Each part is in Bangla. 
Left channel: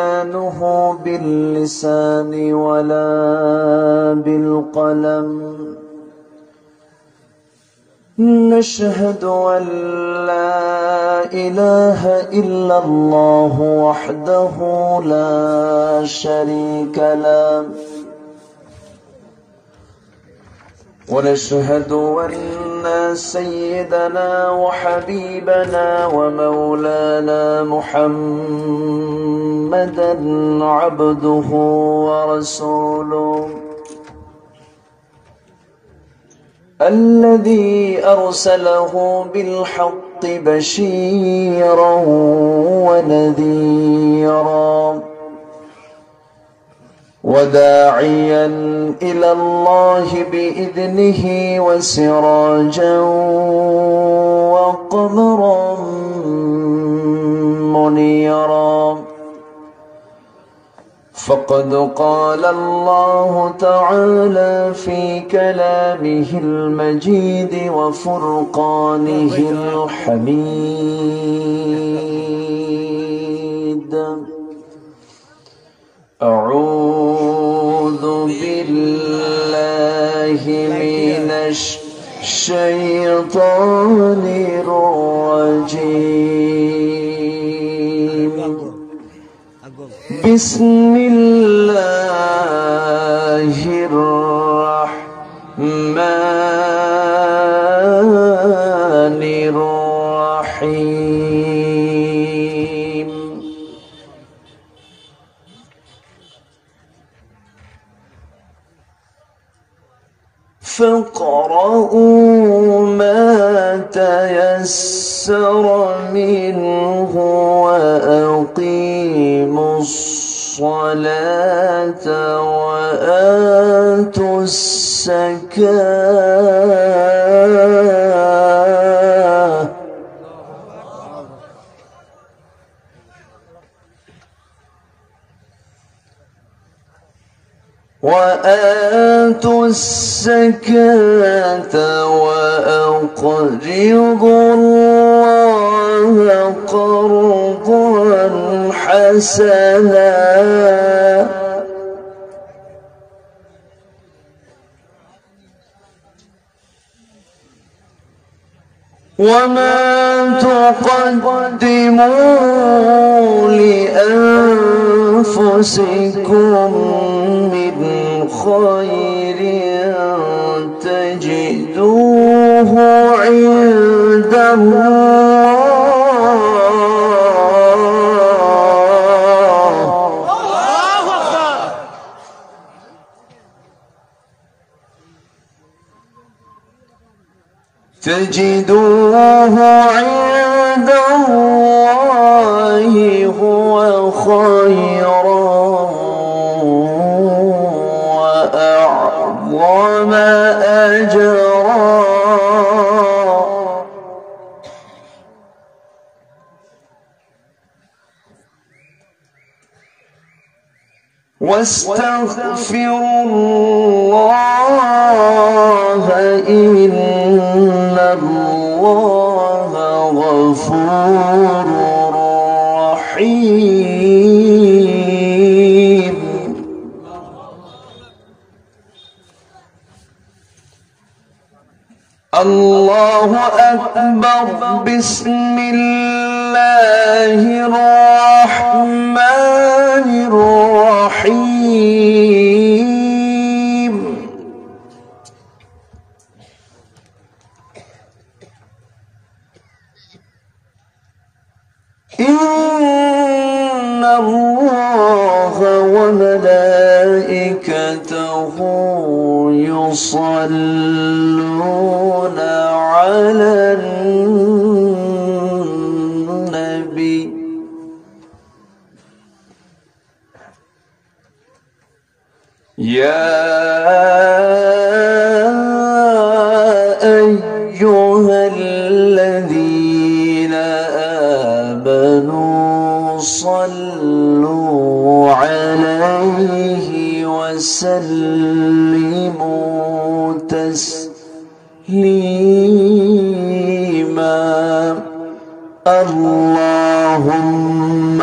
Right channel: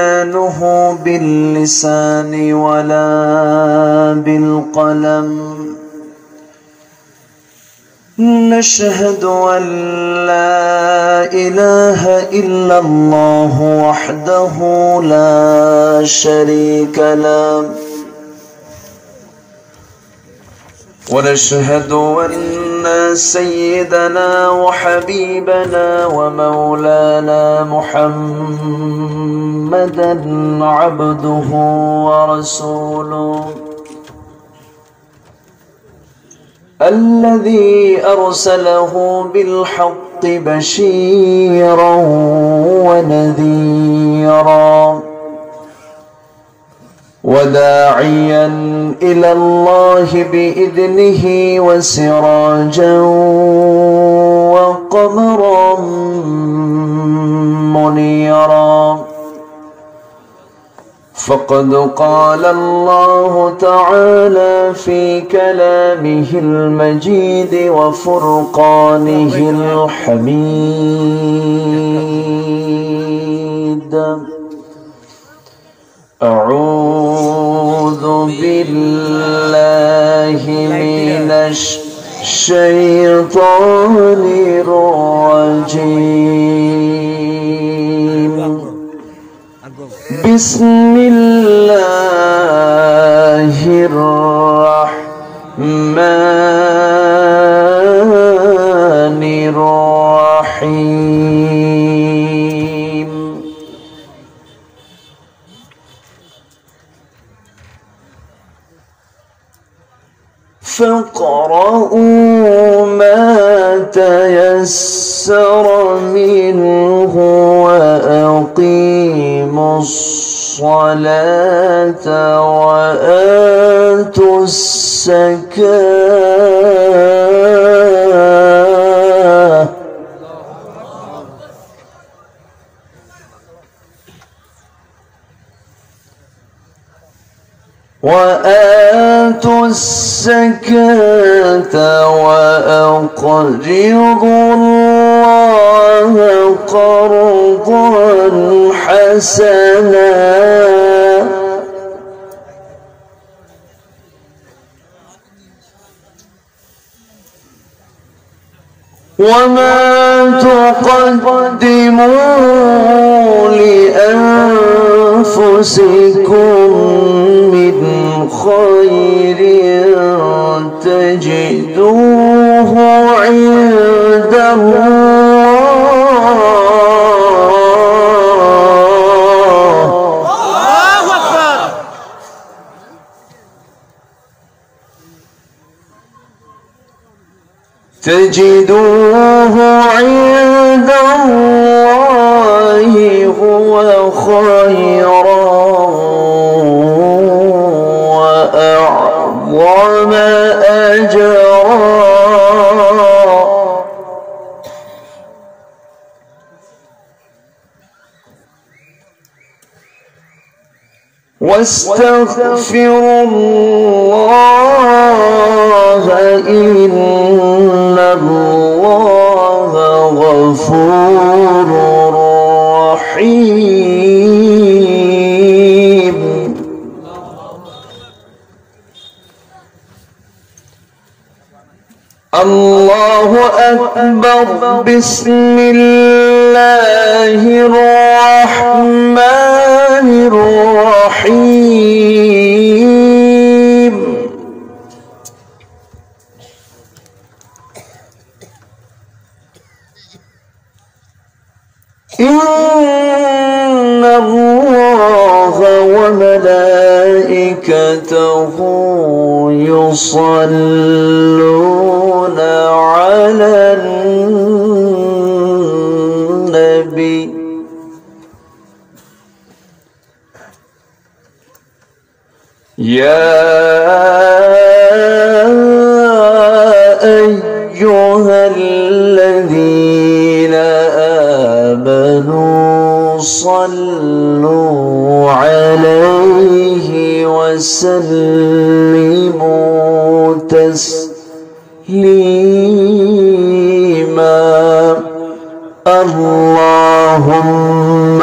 بيانه باللسان ولا بالقلم. نشهد أن لا إله إلا الله وحده لا شريك له، ونشهد أن سيدنا وحبيبنا ومولانا محمدا عبده ورسوله الذي أرسله بالحق بشيرا ونذيرا وداعيا إلى الله بإذنه وسراجا وقمرا منيرا. فقد قال الله تعالى في كلامه المجيد وفرقانه الحميد: أعوذ بالله من الشيطان الرجيم. بسم الله الرحمن الرحيم. فاقرؤوا ما تيسر منه وأقيموا الصلاة وآتوا الزكاة وأقرضوا الله قرضا حسنا وما تقدموا لأنفسكم من خير تجدوه عند الله هو خيرا وأعظم أجرا. واستغفروا الله إن الله غفور رحيم. الله أكبر. بسم الله الرحمن الرحيم. إن الله وملائكته يصلون على النبي يا أيها الذين آمنوا صلوا عليه وسلموا تسليما. اللهم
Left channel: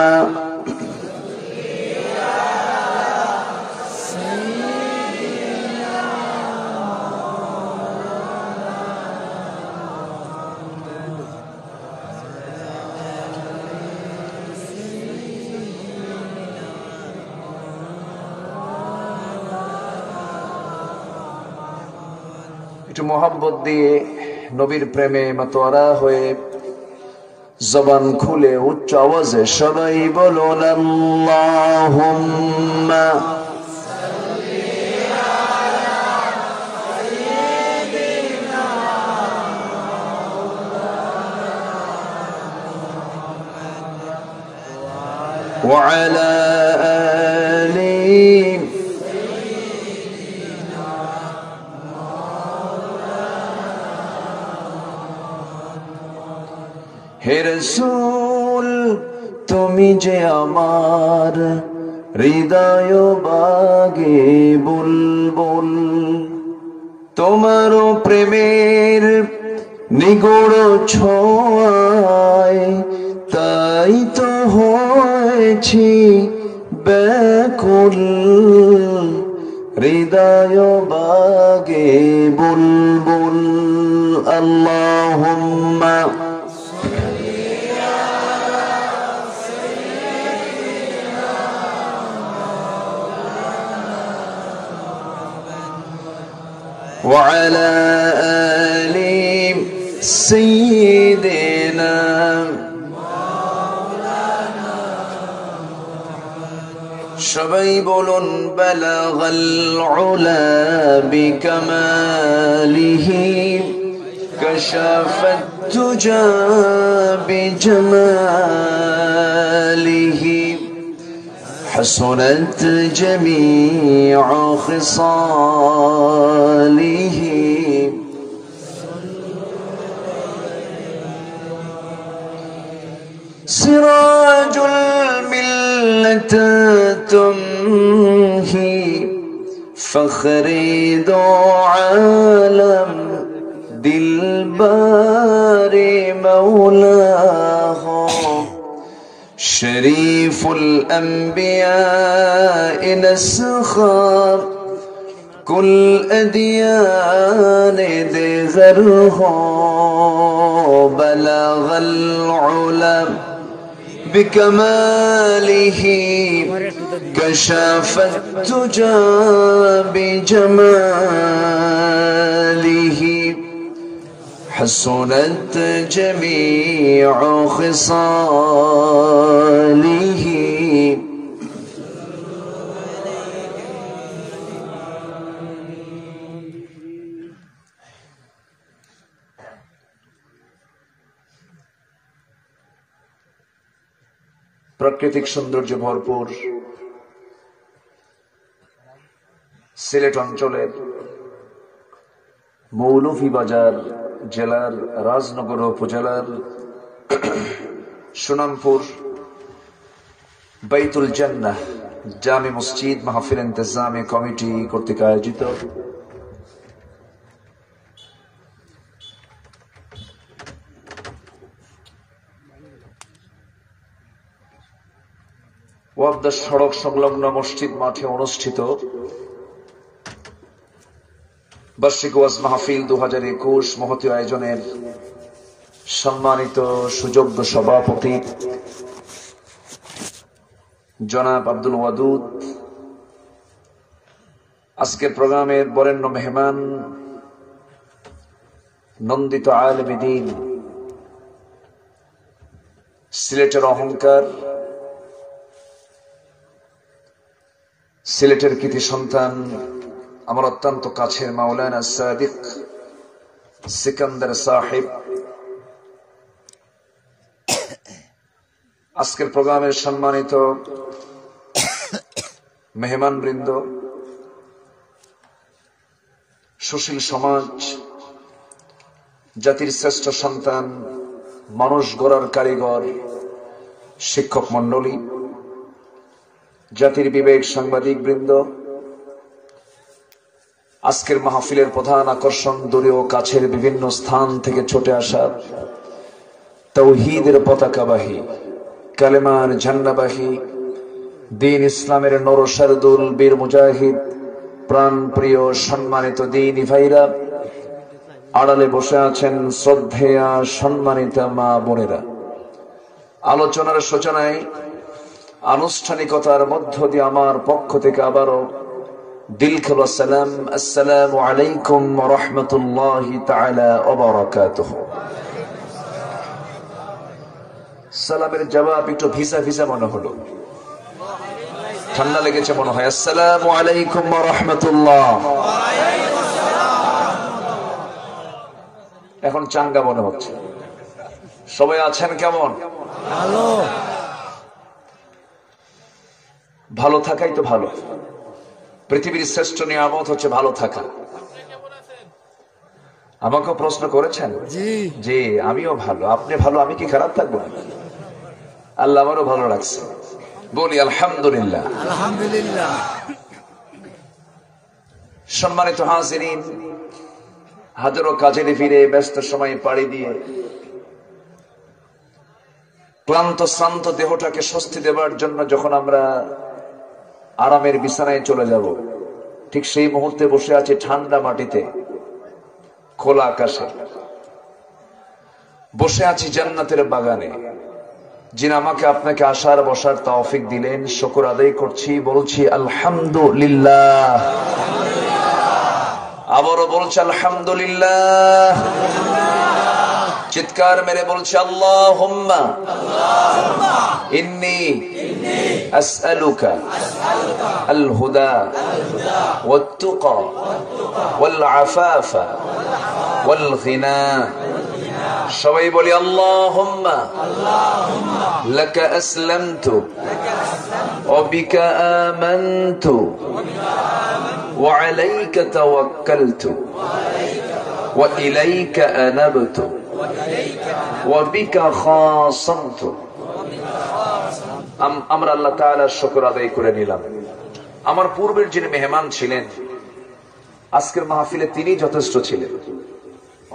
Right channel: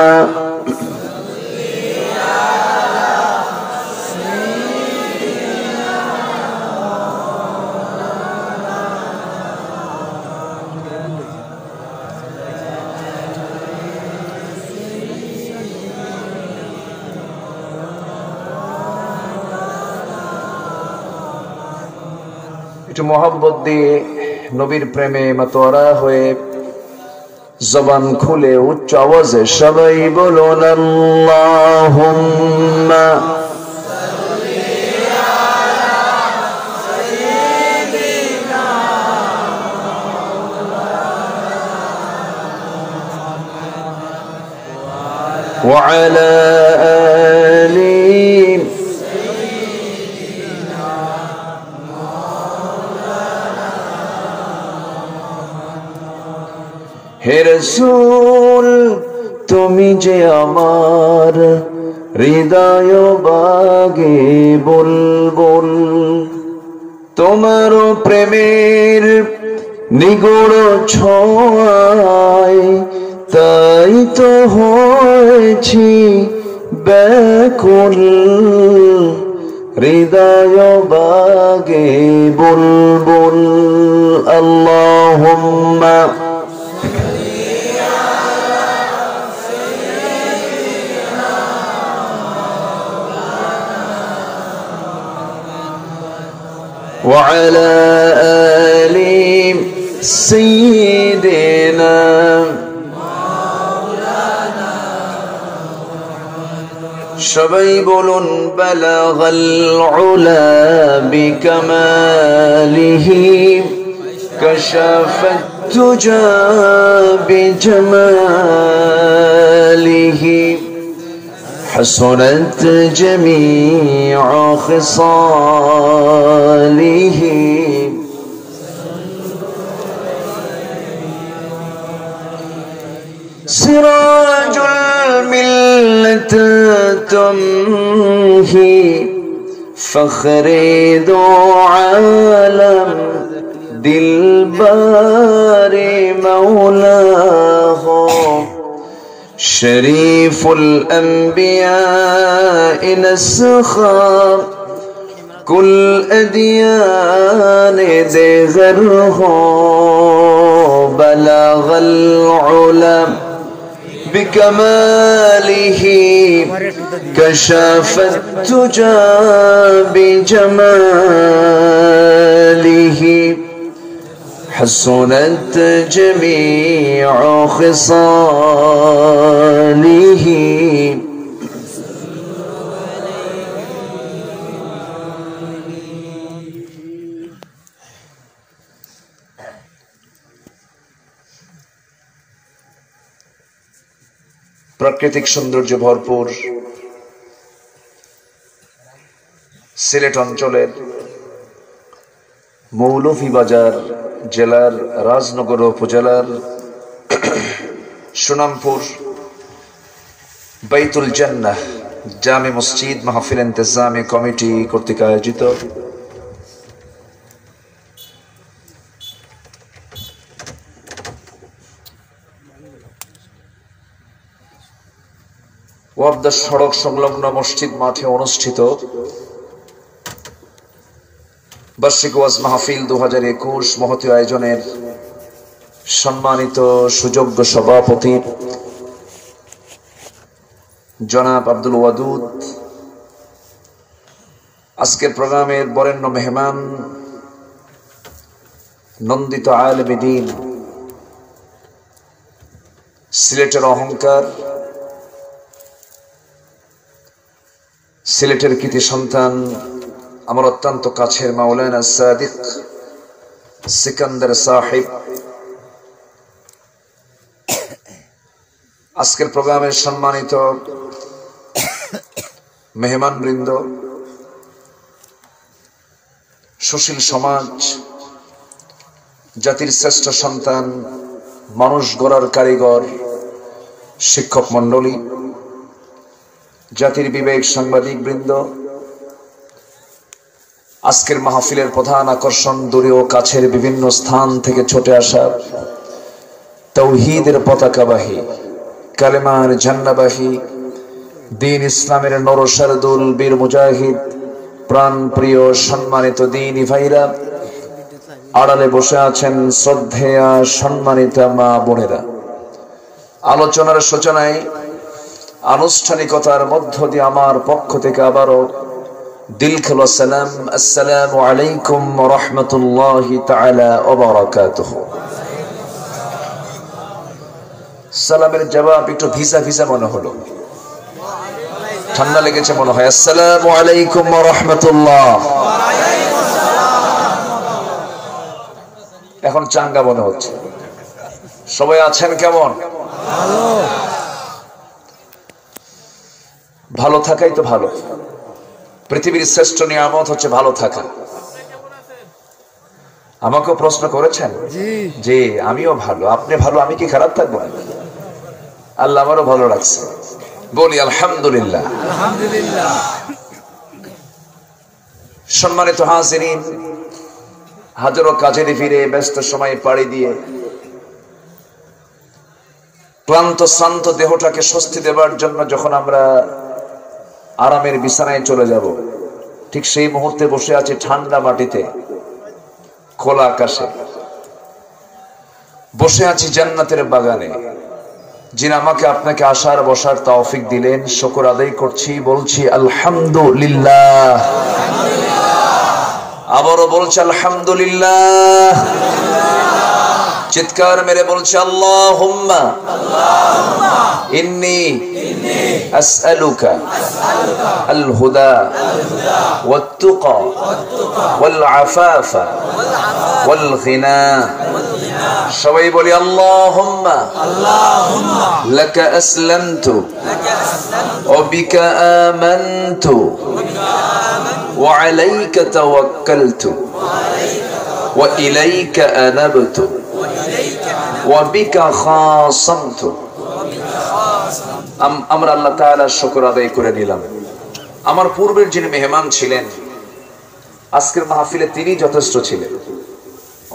একটু মোহাব্বত দিয়ে নবীর প্রেমে মাতোয়ারা হয়ে জবান খুলে উচ্চ আওয়াজে সবাই বলুন আল্লাহুম্মা ওয়া আলা আলি হে রাসূল তুমি যে আমার হৃদয় বাগে বুলবুল তোমার প্রেমের নিগূঢ় ছোঁয়ায় তাই তো হয়েছি ব্যাকুল হৃদয় বাগে বুলবুল আল্লাহুম্মা وعلى آل سيدنا সবাই বলুন বালাগাল উলা বিকামালিহি কাশাফাত তুজা বিজামালিহি حسنت جميع خصاله سراج الملة تمهي فخر ذو عالم دلبار مولاه شريف الأنبياء نسخا كل أديان ذغره بلغ العلا بكماله كشف التجى بجماله حسنت جميع خصاله প্রাকৃতিক সৌন্দর্যে ভরপুর সিলেট অঞ্চলের মৌলভীবাজার জেলার রাজনগর উপজেলার সুনামপুর বাইতুল জান্নাহ জামে মসজিদ মাহফিল ইন্তেজামী কমিটি কর্তৃক আয়োজিত ওয়াবদা সড়ক সংলগ্ন মসজিদ মাঠে অনুষ্ঠিত বার্ষিক ওয়াজ মাহফিল 2021 মহতী আয়োজনের সম্মানিত সুযোগ্য সভাপতি জনাব আব্দুল ওয়াদুদ, আজকের প্রোগ্রামের বরেণ্য মেহমান নন্দিত আলেমে দ্বীন, সিলেটের অহংকার, সিলেটের কৃতি সন্তান, আমার অত্যন্ত কাছের মাওলানা সাদিক সিকান্দার সাহেব, আজকের প্রোগ্রামের সম্মানিত মেহমান বৃন্দ, সুশীল সমাজ, জাতির শ্রেষ্ঠ সন্তান, মানুষ গড়ার কারিগর, শিক্ষক মন্ডলী, জাতির বিবেক সাংবাদিক বৃন্দ, আজকের মাহফিলের প্রধান আকর্ষণ দূরে ও কাছের বিভিন্ন স্থান থেকে ছুটে আসা তাওহীদের পতাকাবাহী, কালেমার ঝান্ডাবাহী, দ্বীন ইসলামের নরসারদুল বীর মুজাহিদ, প্রাণ প্রিয় সম্মানিত দ্বীনি ভাইরা, আড়ালে বসে আছেন শ্রদ্ধেয়া সম্মানিতা মা বোনেরা। আলোচনার সূচনায় আনুষ্ঠানিকতার মধ্য দিয়ে আমার পক্ষ থেকে আবারও দিল খেলো সালাম, আসসালামু আলাইকুম ওয়া রাহমাতুল্লাহি তাআলা ওয়া বারাকাতুহু। সালামের জবাব একটু ভিসা ভিসা মনে হলো, ঠান্ডা লেগেছে মনে হয়। আসসালামু আলাইকুম ওয়া রাহমাতুল্লাহ। এখন চাঙ্গা মনে হচ্ছে। সবাই আছেন কেমন? ভালো থাকাই তো ভালো। পৃথিবীর শ্রেষ্ঠ নিয়ামত হচ্ছে ভালো থাকা। আমাকেও প্রশ্ন করেছেন যে আমিও ভালো, আপনি ভালো, আমি কি খারাপ থাকবো? আল্লাহ আমারও ভালো লাগছে, বলি আলহামদুলিল্লাহ। সম্মানিত হাজিরিন, হাজারো কাজের ফিরে ব্যস্ত সময় পাড়ি দিয়ে ক্লান্ত শ্রান্ত দেহটাকে স্বস্তি দেবার জন্য যখন আমরা আরামের বিছানায় চলে যাব, ঠিক সেই মুহূর্তে বসে আছি ঠান্ডা মাটিতে, খোলা আকাশে, বসে আছি জান্নাতের বাগানে। যিনি আমাকে আপনাকে আসার বসার তৌফিক দিলেন, শুকর আদায় করছি, বলছি আলহামদুলিল্লাহ। আবারও বলছি আলহামদুলিল্লাহ। চিৎকার মেরে বলছি আল্লাহুম্মা ইন্নী আসআলুকা আল হুদা ওয়াত তুকা ওয়াল আফাফা ওয়াল গিনা। সবাই বলি আল্লাহুম্মা লাকা আসলামতু ওয়া বিকা আমানতু ওয়া আলাইকা তাওয়াক্কালতু ওয়া ইলাইকা আনাবতু ওয়া বিকা খাসামতু। আমরা আল্লাহ তাআলার শুকর আদায় করে নিলাম। আমার পূর্বের যিনি মেহমান ছিলেন, আজকের মাহফিলে তিনি যথেষ্ট ছিলেন।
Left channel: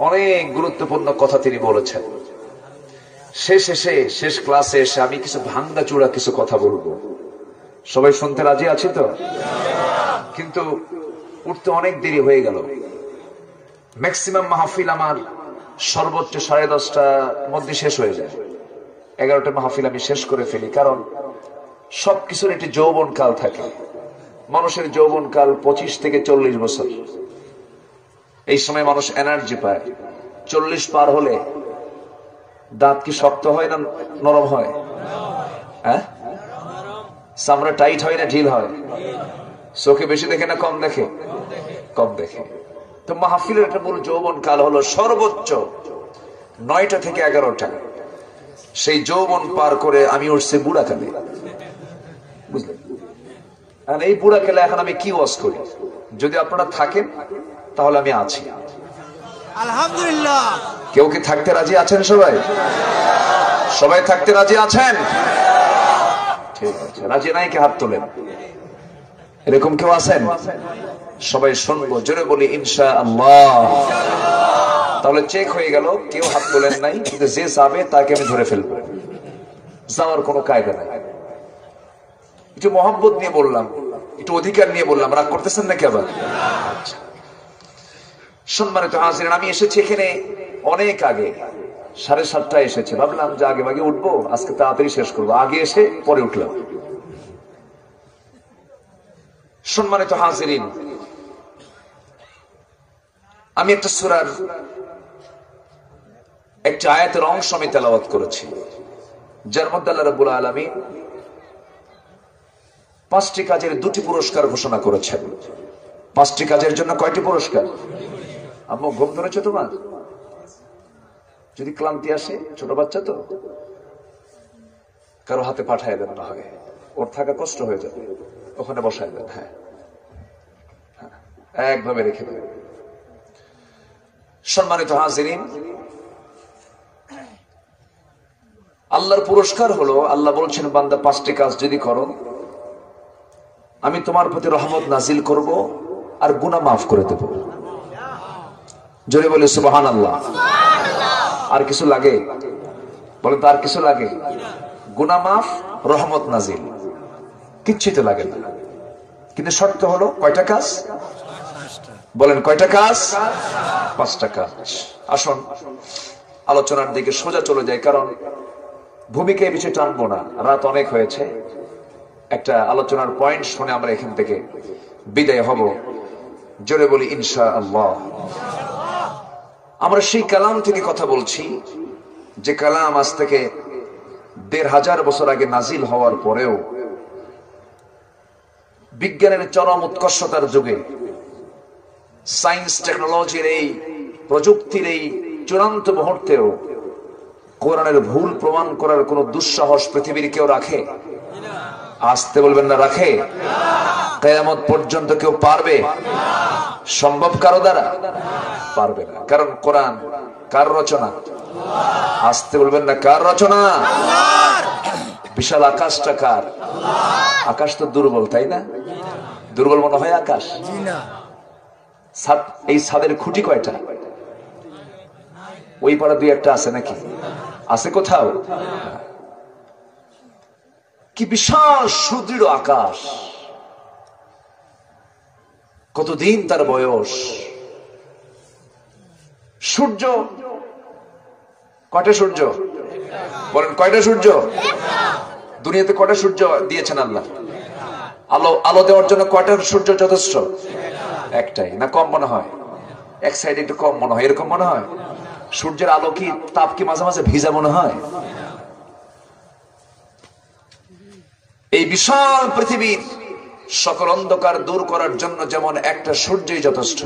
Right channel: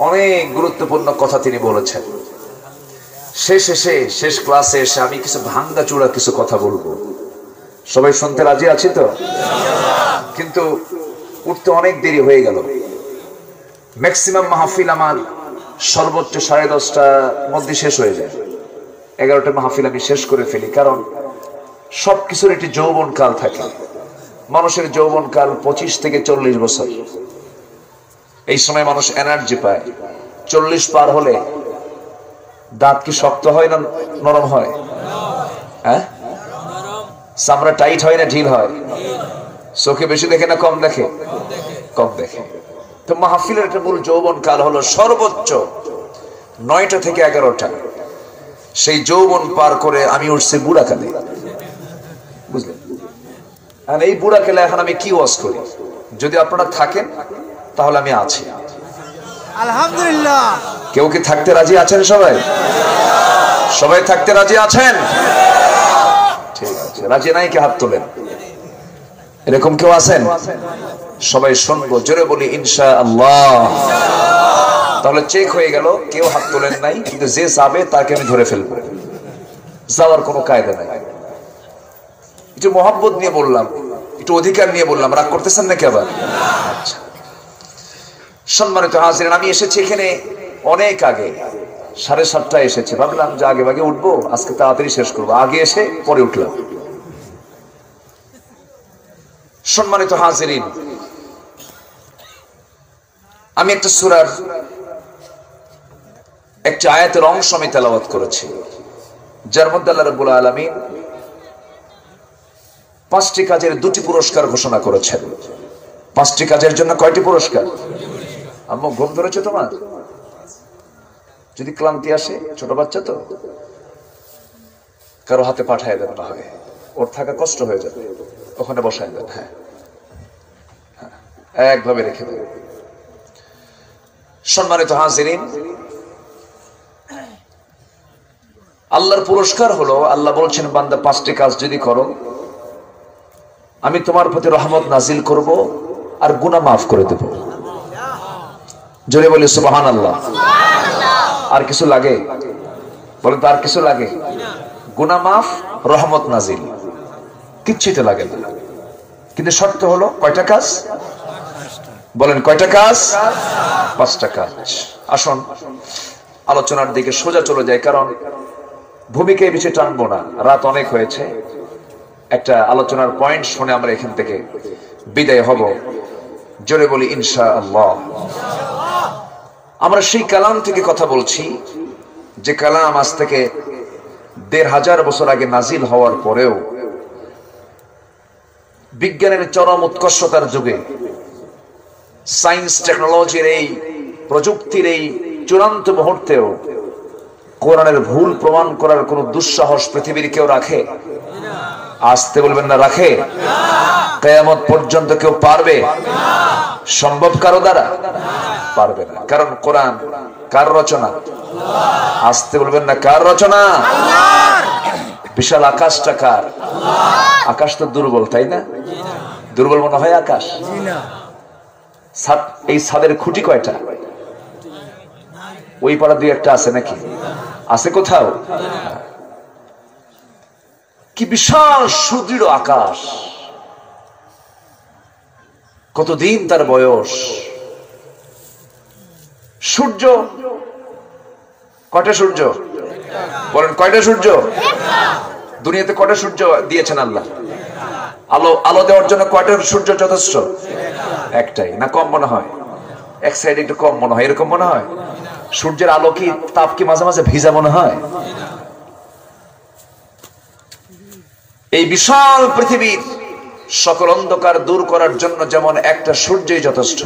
অনেক গুরুত্বপূর্ণ কথা তিনি বলেছেন। শেষ ক্লাসে এসে আমি কিছু ভাঙ্গা চূড়া কিছু কথা বলবো। সবাই শুনতে রাজি আছি তো? কিন্তু উঠতে অনেক দেরি হয়ে গেল। ম্যাক্সিমাম মাহফিল আমার সর্বোচ্চ 10:30টার মধ্যে শেষ হয়ে যায়। 11টা মাহফিল আমি শেষ করে ফেলি, কারণ সবকিছুর একটি যৌবন কাল থাকে। মানুষের যৌবন কাল 25 থেকে 40 বছর। এই সময় মানুষ এনার্জি পায়। 40 পার হলে দাঁত কি শক্ত হয় না নরম হয়? হ্যাঁ, চামড়া টাইট হয় না ঢিল হয়? চোখে বেশি দেখে না কম দেখে? কম দেখে। তো মাহফিলের একটা মূল যৌবন কাল হলো সর্বোচ্চ 9টা থেকে 11টা। সেই যৌবন পার করে আমি উঠছি বুড়া কালে, বুঝলেন? আর এই বুড়া কালে এখন আমি কি ওয়াজ করি? যদি আপনারা থাকেন তাহলে আমি আছি, আলহামদুলিল্লাহ। কেউ কি থাকতে রাজি আছেন? সবাই থাকতে রাজি আছেন? ঠিক আছে, রাজি নাই কি হাত তোলেন? এরকম কেউ আছেন? সবাই শুনবো, জোরে বলি ইনশাআল্লাহ। তাহলে চেক হয়ে গেল, কেউ হাত তোলেন নাই, কিন্তু যে যাবে তাকে আমি ধরে ফেলবো। যাওয়ার কোনো কায়দা নাই। একটু মহব্বত নিয়ে বললাম, একটু অধিকার নিয়ে বললাম, রাগ করতেছেন নাকি আবার? আচ্ছা, সম্মানিত হাজিরিন, আমি এসেছি এখানে অনেক আগে, 7:30টায় এসেছি। ভাবলাম যে আগে ভাগে উঠবো, আজকে তাড়াতাড়ি শেষ করবো। আগে এসে পরে উঠলাম। সম্মানিত হাজিরিন, আমি একটা সূরার একটা আয়াতের অংশ আমি তেলাওয়াত করেছি, যার মধ্যে আল্লাহ রাব্বুল আলামিন 5টি কাজের 2টি পুরস্কার ঘোষণা করেছেন। 5টি কাজের জন্য কয়টি পুরস্কার? আম্মু ঘুম ধরেছে তোমার? যদি ক্লান্তি আসে, ছোট বাচ্চা তো, কারো হাতে পাঠায় দেবে, না হয় ওর থাকা কষ্ট হয়ে যাবে, ওখানে বসায় দেন। হ্যাঁ, একভাবে রেখে দেবে। সম্মানিত হাজিরিন, আল্লাহর পুরস্কার হলো, আল্লাহ বলছেন বান্দা 5টি কাজ যদি করো আমি তোমার প্রতি রহমত নাজিল করব আর গুনাহ মাফ করে দেব। জোরে বলি সুবহানাল্লাহ। আর কিছু লাগে? বলেন তো, আর কিছু লাগে? গুনাহ মাফ, রহমত নাজিল, কিচ্ছুই তো লাগে না। কিন্তু শর্ত হলো কয়টা কাজ? বলেন কয়টা কাজ? 5টা কাজ। আসুন আলোচনার দিকে সোজা চলে যায়, কারণ ভূমিকায় বেশি টানবো না, রাত অনেক হয়েছে। একটা আলোচনার পয়েন্ট শুনে আমরা এখান থেকে বিদায় হব। জোরে বলি ইনশাআল্লাহ। আমরা সেই কালাম থেকে কথা বলছি যে কালাম আজ থেকে ১৫০০ বছর আগে নাজিল হওয়ার পরেও বিজ্ঞানের চরম উৎকর্ষতার যুগে, সায়েন্স টেকনোলজির এই প্রযুক্তির এই চূড়ান্ত মুহূর্তেও কোরআনের ভুল প্রমাণ করার কোন দুঃসাহস পৃথিবীর কেউ রাখে? আসতে বলবেন না, রাখে? কিয়ামত পর্যন্ত কেউ পারবে? সম্ভব কারো দ্বারা? পারবে না। কারণ কোরআন কার রচনা? আসতে বলবেন না, কার রচনা? বিশাল আকাশটা কার? আকাশ তো দুর্বল, তাই না? দুর্বল মনে হয় আকাশ? এই ছাদের খুঁটি কয়টা? ওই পাড়া দুই একটা আছে নাকি? আছে কোথাও? কি বিশাল সুদৃঢ় আকাশ, কতদিন তার বয়স। সূর্য কয়টা? সূর্য বলেন, কয়টা সূর্য? দুনিয়াতে কয়টা সূর্য দিয়েছেন আল্লাহ? আলো দেওয়ার জন্য কয়টা সূর্য যথেষ্ট? একটাই না? কম মনে হয়? এক সাইডে একটু কম মনে হয়, এরকম মনে হয়? সূর্যের আলো কি, তাপ কি মাঝে মাঝে ভিজা মনে হয়? এই বিশাল পৃথিবীর সকল অন্ধকার দূর করার জন্য যেমন একটা সূর্যই যথেষ্ট,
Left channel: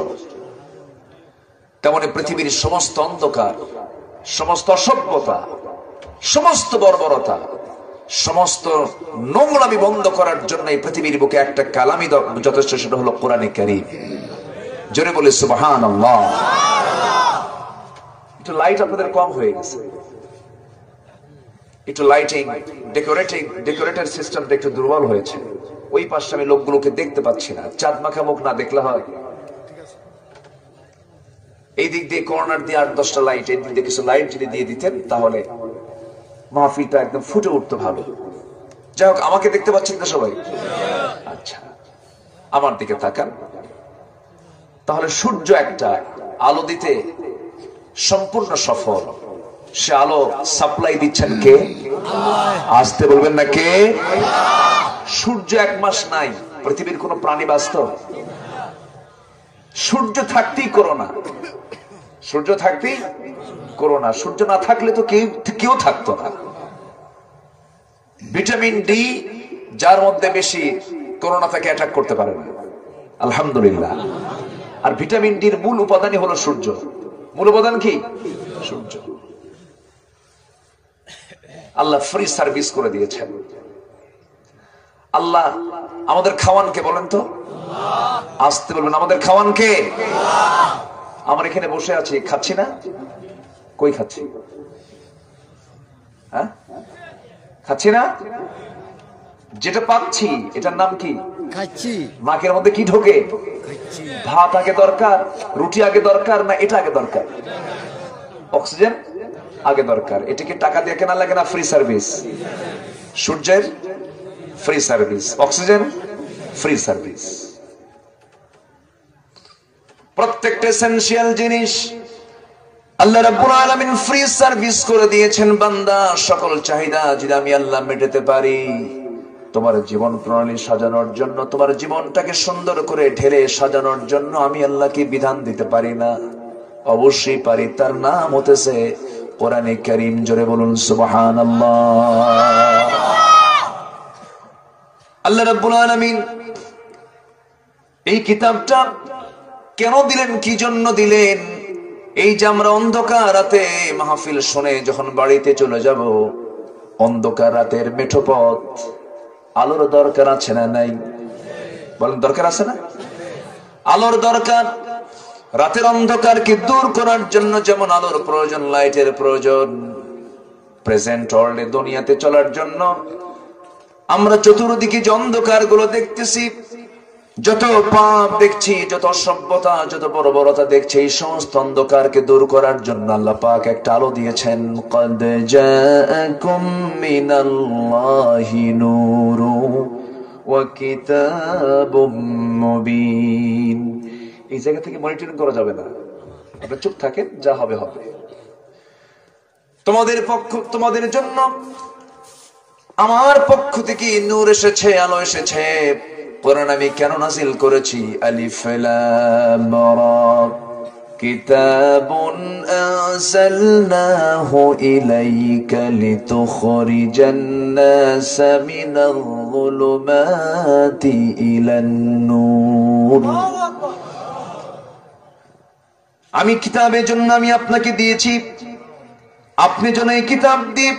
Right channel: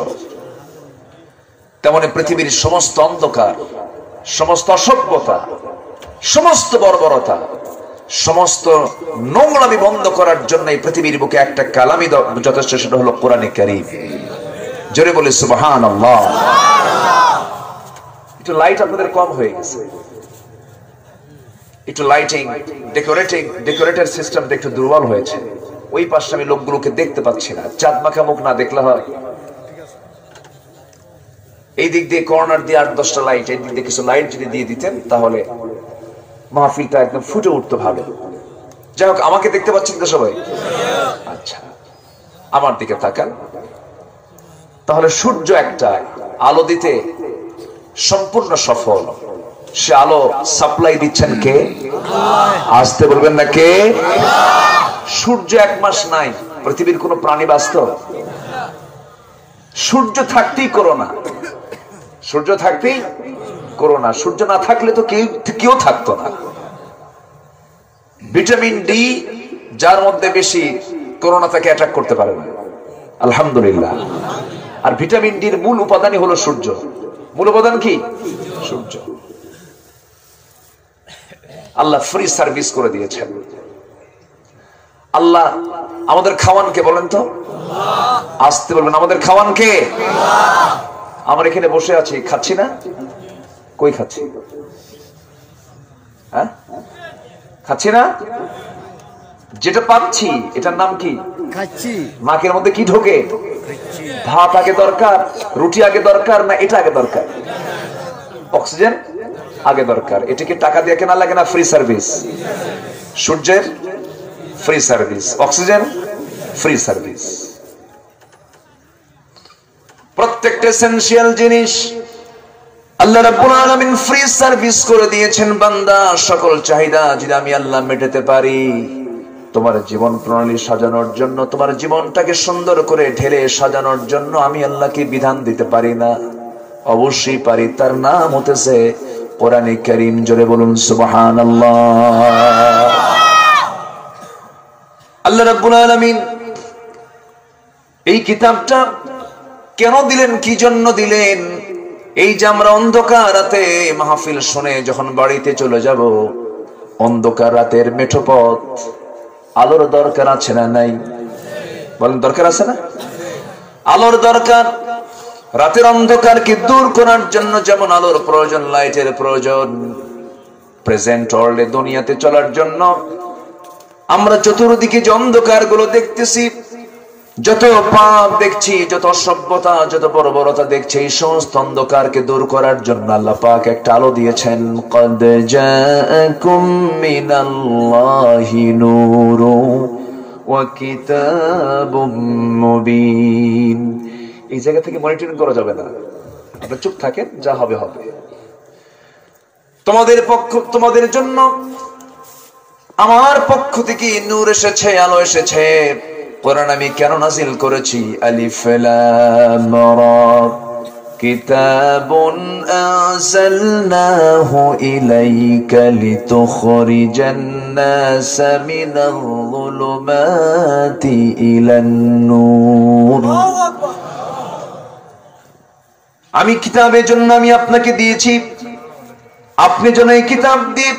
তেমনি পৃথিবীর সমস্ত অন্ধকার, সমস্ত অসভ্যতা, সমস্ত বর্বরতা, সমস্ত নোংরামি বন্ধ করার জন্য এই পৃথিবীর বুকে একটা কালামই যথেষ্ট, সেটা হলো কোরআনে কারীম। জোরে বলে সুবহানাল্লাহ। একটু লাইট আপনাদের কম হয়ে গেছে, একটু লাইটিং ডেকোরেটর সিস্টেমটা একটু দুর্বল হয়েছে। ওই পাশে আমি লোকগুলোকে দেখতে পাচ্ছি না, চাঁদ মাখা মুখ না দেখলে হয়? এই দিক দিয়ে কর্নার দিয়ে ৮-১০টা লাইট, এই দিক দিয়ে কিছু লাইট যদি দিয়ে দিতেন তাহলে মাহফিলটা একদম ফুটে উঠতো ভালো। যাই হোক, আমাকে দেখতে পাচ্ছেন তো সবাই? আচ্ছা, আমার দিকে তাকান। তাহলে সূর্য একটা আলো দিতে সম্পূর্ণ সফল। সে আলো সাপ্লাই দিচ্ছেন কে? আসতে বলবেন না, কে? সূর্য ১ মাস নাই, পৃথিবীর কোন প্রাণী বাঁচত? সূর্য থাকতেই করোনা, সূর্য থাকতেই করোনা। সূর্য না থাকলে তো কেউ থাকতো না। ভিটামিন ডি যার মধ্যে বেশি, করোনা তাকে অ্যাটাক করতে পারে না, আলহামদুলিল্লাহ। আর ভিটামিন ডির মূল উপাদানই হলো সূর্য। মূল উপাদান কি? সূর্য। আল্লাহ ফ্রি সার্ভিস করে দিয়েছেন। আল্লাহ আমাদের খাওয়ান কে বলেন তো? আসতে বলবেন, আমাদের খাওয়ান কে? আমরা এখানে বসে আছি, খাচ্ছি না? কই খাচ্ছি? হ্যাঁ, খাচ্ছি না? যেটা পাচ্ছি এটার নাম কি? খাচ্ছি। নাকের মধ্যে কি ঢোকে? ভাত আগে দরকার, রুটি আগে দরকার, না এটা আগে দরকার? অক্সিজেন আগে দরকার। এটাকে টাকা দিয়ে কেনা লাগে না? Free service. সূর্যের free service, oxygen free service. প্রত্যেকটা এসেনশিয়াল জিনিস আল্লাহ রাব্বুল আলামিন ফ্রি সার্ভিস করে দিয়েছেন। বান্দা, সকল চাহিদা যদি আমি আল্লাহ মেটাতে পারি, তোমার জীবন প্রণালী সাজানোর জন্য, তোমার জীবনটাকে সুন্দর করে ঢেলে সাজানোর জন্য আমি আল্লাহ কি বিধান দিতে পারি না? অবশ্যই পারি। তার নাম হতেছে কোরআনে কারীম। জোরে বলুন সুবহানাল্লাহ। আল্লাহ রাব্বুল আলামিন এই কিতাবটা কেন দিলেন, কি জন্য দিলেন? এই যে আমরা অন্ধকার রাতে মাহফিল শুনে যখন বাড়িতে চলে যাব, অন্ধকার রাতের মেঠো পথ, আলোর দরকার আছে না নাই? বলেন, দরকার আছে না? আলোর দরকার। রাতের অন্ধকারকে দূর করার জন্য যেমন আলোর প্রয়োজন, লাইটের প্রয়োজন, প্রেজেন্ট ওয়ার্ল্ডে দুনিয়াতে চলার জন্য আমরা চতুর্দিকে যে অন্ধকার গুলো দেখতেছি, যত পাপ দেখছি, যত অসভ্যতা, যত বর্বরতা দেখছি, এই সমস্ত অন্ধকারকে দূর করার জন্য আল্লাহ পাক একটা আলো দিয়েছেন। قد جاءكم من الله نور وكتاب مبين। এই জায়গা থেকে মনিটরিং করা যাবে না, আপনারা চুপ থাকেন, যা হবে হবে। তোমাদের জন্য আমার পক্ষ থেকে নূর এসেছে, আলো এসেছে। কোরআন আমি কেন নাজিল করেছি? আলিফ লাম রা কিতাবুন আনজালনাহু ইলাইকা লিতুখরিজান নাসা মিনাল যুলুমাতি ইলান নূর। আমি কিতাবের জন্য আমি আপনাকে দিয়েছি, আপনি যেন এই কিতাব দিয়ে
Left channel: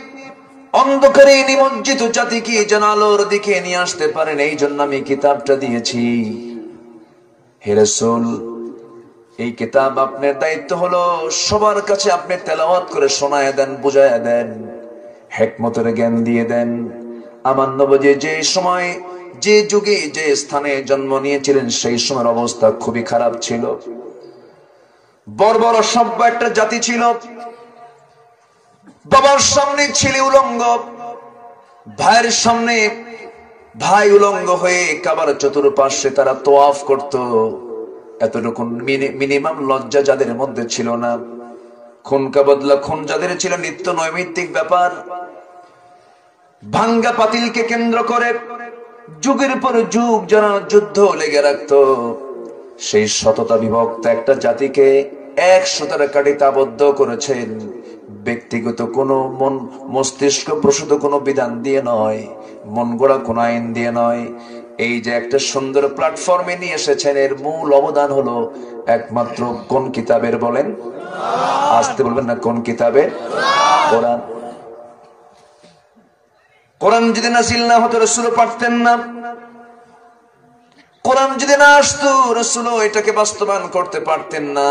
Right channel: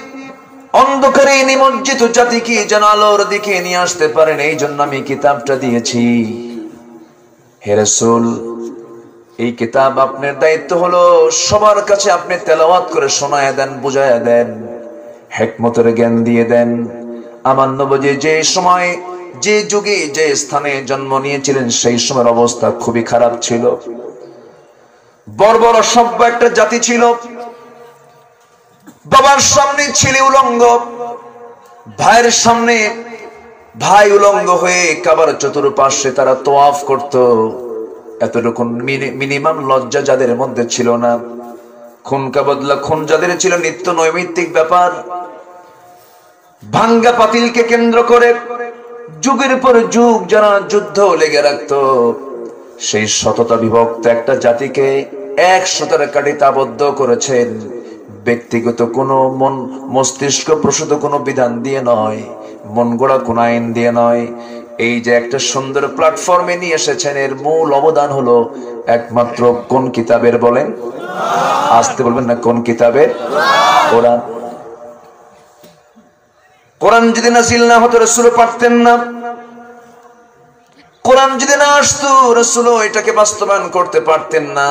অন্ধকারে নিমজ্জিত জাতিকে যেন আলোর দিকে নিয়ে আসতে পারেন, এই জন্য আমি কিতাবটা দিয়েছি। হে রাসূল, এই কিতাব আপনার দায়িত্ব হলো সবার কাছে আপনি তেলাওয়াত করে শোনায় দেন, বুঝায় দেন, হিকমতের জ্ঞান দিয়ে দেন। আমার নবী যে সময়, যে যুগে, যে স্থানে জন্ম নিয়েছিলেন সেই সময়ের অবস্থা খুবই খারাপ ছিল। বর্বর অসভ্য একটা জাতি ছিল। বাবার সামনে ছেলে উলঙ্গ, ভাইয়ের সামনে ভাই উলঙ্গ হয়ে কাবার চতুর্পার্শ্বে তারা তোয়াফ করত। এতটুকু মিনিমাম লজ্জা যাদের মধ্যে ছিল না। খুনকা বদলা খুন যাদের ছিল নিত্য নৈমিত্তিক ব্যাপার। ভাঙ্গা পাতিলকে কেন্দ্র করে যুগের পর যুগ যারা যুদ্ধ লেগে রাখত, সেই সততা বিভক্ত একটা জাতিকে এক সুতার কাঠিতে আবদ্ধ করেছেন। ব্যক্তিগত কোনো মস্তিষ্ক প্রসূত কোনো বিধান দিয়ে নয়, মন গড়া কোন আইন দিয়ে নয়। এই যে একটা সুন্দর প্ল্যাটফর্মে নিয়ে এসেছেন, এর মূল অবদান হলো একমাত্র কোন কিতাবের? বলেন, আসতে বলবেন না, কোন কিতাবের? কোরআন। কোরআন যদি নাযিল না হতো রাসূল পারতেন না। কোরআন যদি না আসতো রাসূল এটাকে বাস্তবায়ন করতে পারতেন না।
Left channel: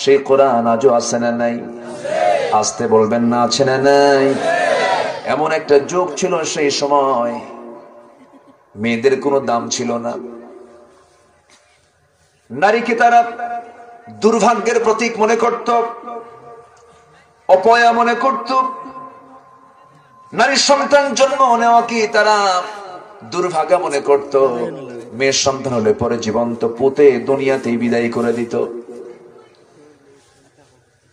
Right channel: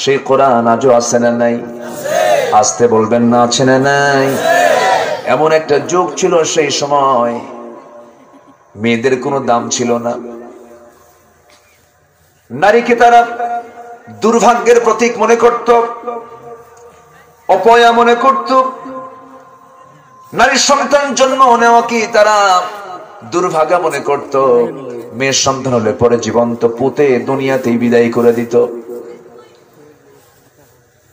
সেই কোরআন আজও আছে না নাই? আসতে বলবেন না, আছে না নাই? এমন একটা যুগ ছিল সেই সময়, মেয়েদের কোনো দাম ছিল না। নারীকে তারা দুর্ভাগ্যের প্রতীক মনে করত, অপয়া মনে করত। নারীর সন্তান জন্ম নেওয়াকে তারা দুর্ভাগা মনে করত। মেয়ের সন্তান হলে পরে জীবন্ত পুঁতে দুনিয়াতেই বিদায় করে দিত।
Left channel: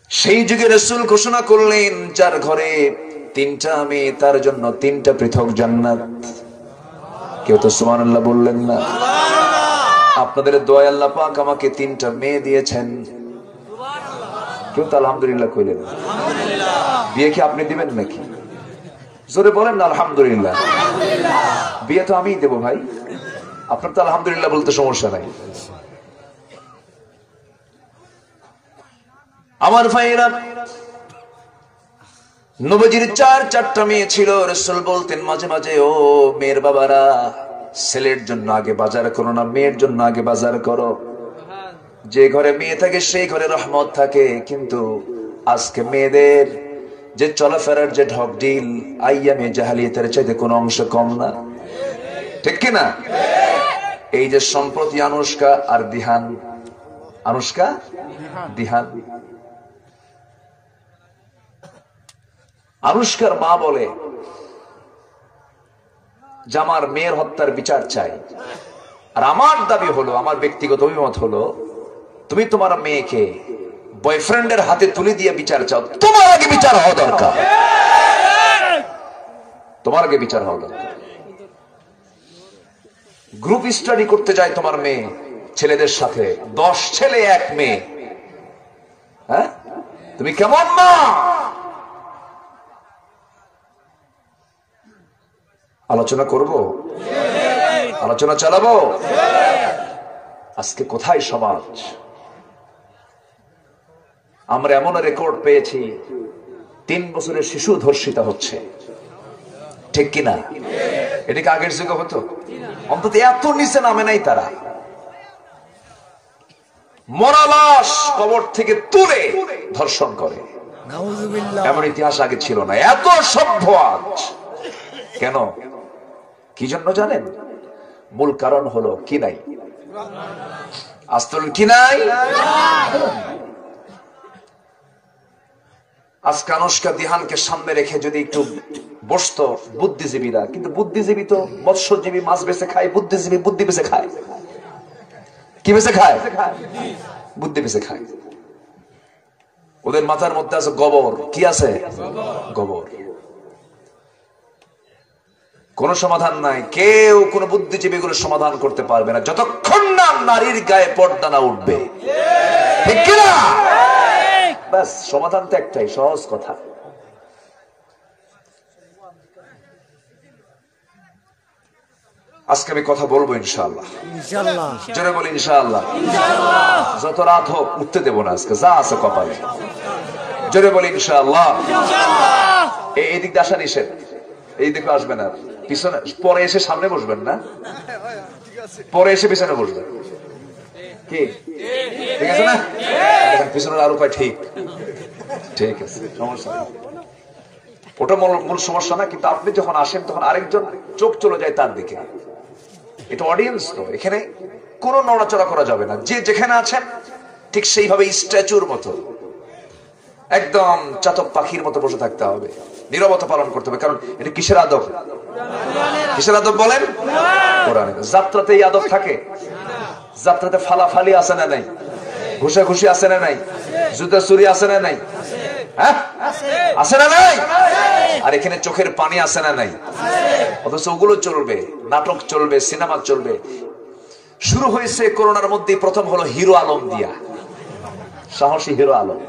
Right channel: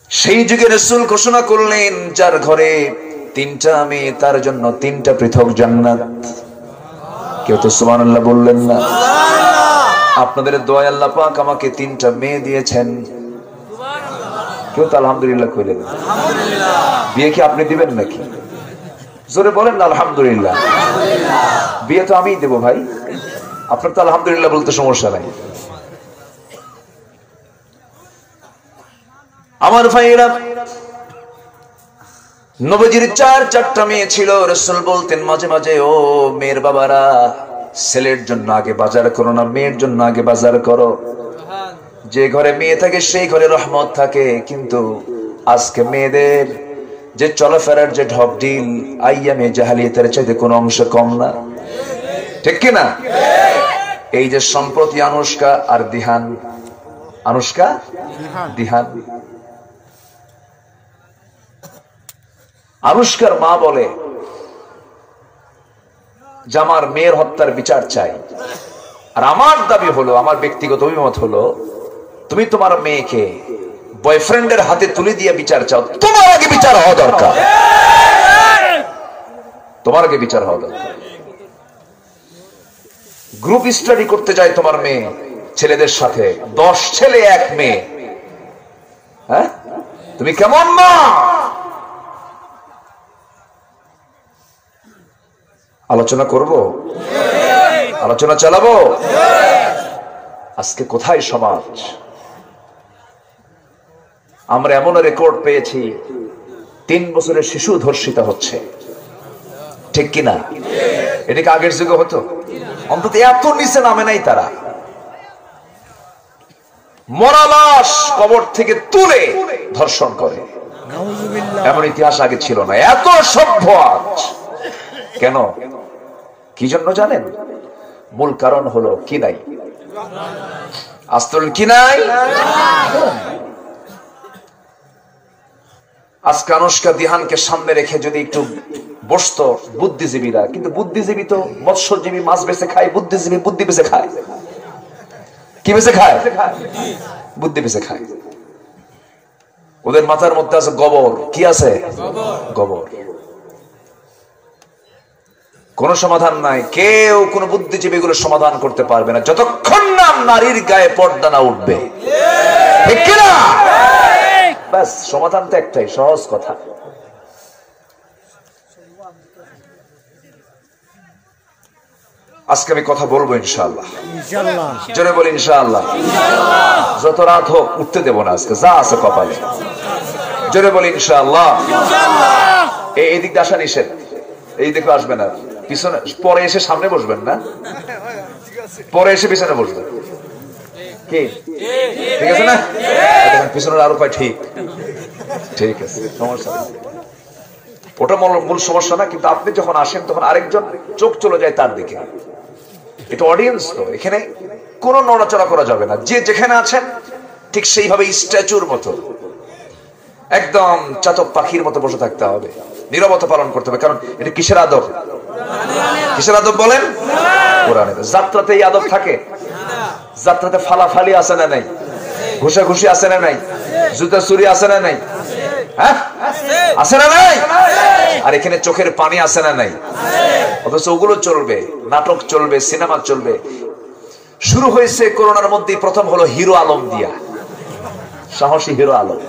সেই যুগে রাসূল ঘোষণা করলেন, যার ঘরে 3টা মেয়ে তার জন্য 3টা পৃথক জান্নাত। কেউ তো সুবহানাল্লাহ বললেন না? আপনাদের দোয়ায় আল্লাহ পাক আমাকে 3টা মেয়ে দিয়েছেন। কেউ তো আলহামদুলিল্লাহ কইলেন? বিয়ে কি আপনি দিবেন নাকি? জোরে বলেন না আলহামদুলিল্লাহ। বিয়ে তো আমিই দেবো ভাই, আপনার তো আলহামদুলিল্লাহ বলতে সমস্যা নাই। আমার ভাইরা, নবীজির 4টা মেয়ে ছিল। রাসূল বলতেন মাঝে মাঝে, ও মেয়ের বাবারা, ছেলের জন্য আগে বাজার করো না, মেয়ের জন্য আগে বাজার করো। যে ঘরে মেয়ে থাকে সেই ঘরে রহমত থাকে। কিন্তু আজকে মেয়েদের যে চলাফেরার যে ঢকঢিল, আইয়ামে জাহালিয়াতের চাইতে কোনো অংশ কম না, ঠিক কিনা? এই যে সম্প্রতি আনুষ্কা আর দিহান, আনুষ্কা দিহান, আনুষ্কার মা বলে যে আমার মেয়ের হত্যার বিচার চাই। আর আমার দাবি হলো, আমার ব্যক্তিগত অভিমত হলো, তুমি তোমার মেয়েকে বয়ফ্রেন্ডের হাতে তুলে দিয়ে বিচার চাও, তোমার আগে বিচার হওয়া দরকার। তোমার আগে বিচার হওয়া দরকার। গ্রুপ স্টাডি করতে যায় তোমার মেয়ে ছেলেদের সাথে, 10 ছেলে 1 মেয়ে। হ্যাঁ, তুমি কেমন মা? আলোচনা করব, আলোচনা চালাবো। আজকে কোথায় সমাজ? আমরা এমন রেকর্ড পেয়েছি, 3 বছরের শিশু ধর্ষিত হচ্ছে, ঠিক কিনা? এটা কি আগের যুগে হতো? অন্তত এত নিচে নামে নাই তারা। মরা লাশ কবর থেকে তুলে ধর্ষণ করে, এমন ইতিহাস আগে ছিল না। এত সভ্য আজ কেন? কি জন্য জানেন? মূল কারণ হলো কি নাই? আস্তল কি নাই? আজকে আনুষ্কা দিহানকে সামনে রেখে যদি একটু বসতো বুদ্ধিজীবীরা, কিন্তু বুদ্ধিজীবী তো মৎস্যজীবী মাছ বেঁচে খায়, বুদ্ধিজীবী বুদ্ধি বেঁচে খায়। কি বেঁচে খায়? বুদ্ধি বেঁচে খায়। ওদের মাথার মধ্যে আছে গোবর। কি আছে? গোবর। কোনো সমাধান নাই, কেউ কোনো বুদ্ধিজীবী এগুলো সমাধান করতে পারবে না যতক্ষণ না নারীর গায়ে পর্দা না উঠবে, ঠিক কিনা? ব্যাস, সমাধান তো একটাই, সহজ কথা। আজকে আমি কথা বলবো ইনশাআল্লাহ, জোরে বলি ইনশাআল্লাহ। যত রাত হোক উঠতে দেবো না আজকে, যা আছে কপালে, জোরে বলি ইনশাআল্লাহ। এই দিক আসা নিষেধ, এই দিকে আসবে না, পিছনে পরে এসে সামনে বসবেন না, পরে এসে পিছনে বসবেন, কি ঠিক আছে না? পিছনের আরো পায়, ঠিক ঠিক আছে, সমস্যা ওটা মূল সমস্যা না, কিন্তু আপনি যখন আসেন তখন আরেকজন চোখ চলে যায় তার দিকে। এটা অডিয়েন্স তো, এখানে কোনো নড়াচড়া করা যাবে না, যে যেখানে আছেন ঠিক সেইভাবে স্ট্যাচুর মতো একদম চাতক পাখির মতো বসে থাকতে হবে, নীরবতা পালন করতে হবে। কারণ এটা কিসের আদব? কিসের আদব বলেন? কোরআনের। যাত্রাতে এই আদব থাকে? যাত্রাতে ফালাফালি আছে না নাই? ঘুষাঘুষি আছে না নাই? জুতা চুরি আছে না নাই? হ্যাঁ আছে না নাই? আর এখানে চোখের পানি আছে না নাই? অথচ ওগুলো চলবে, নাটক চলবে, সিনেমা চলবে। শুরু হয়েছে করোনার মধ্যে, প্রথম হলো হিরো আলম দিয়া, সাহসী হিরো আলম,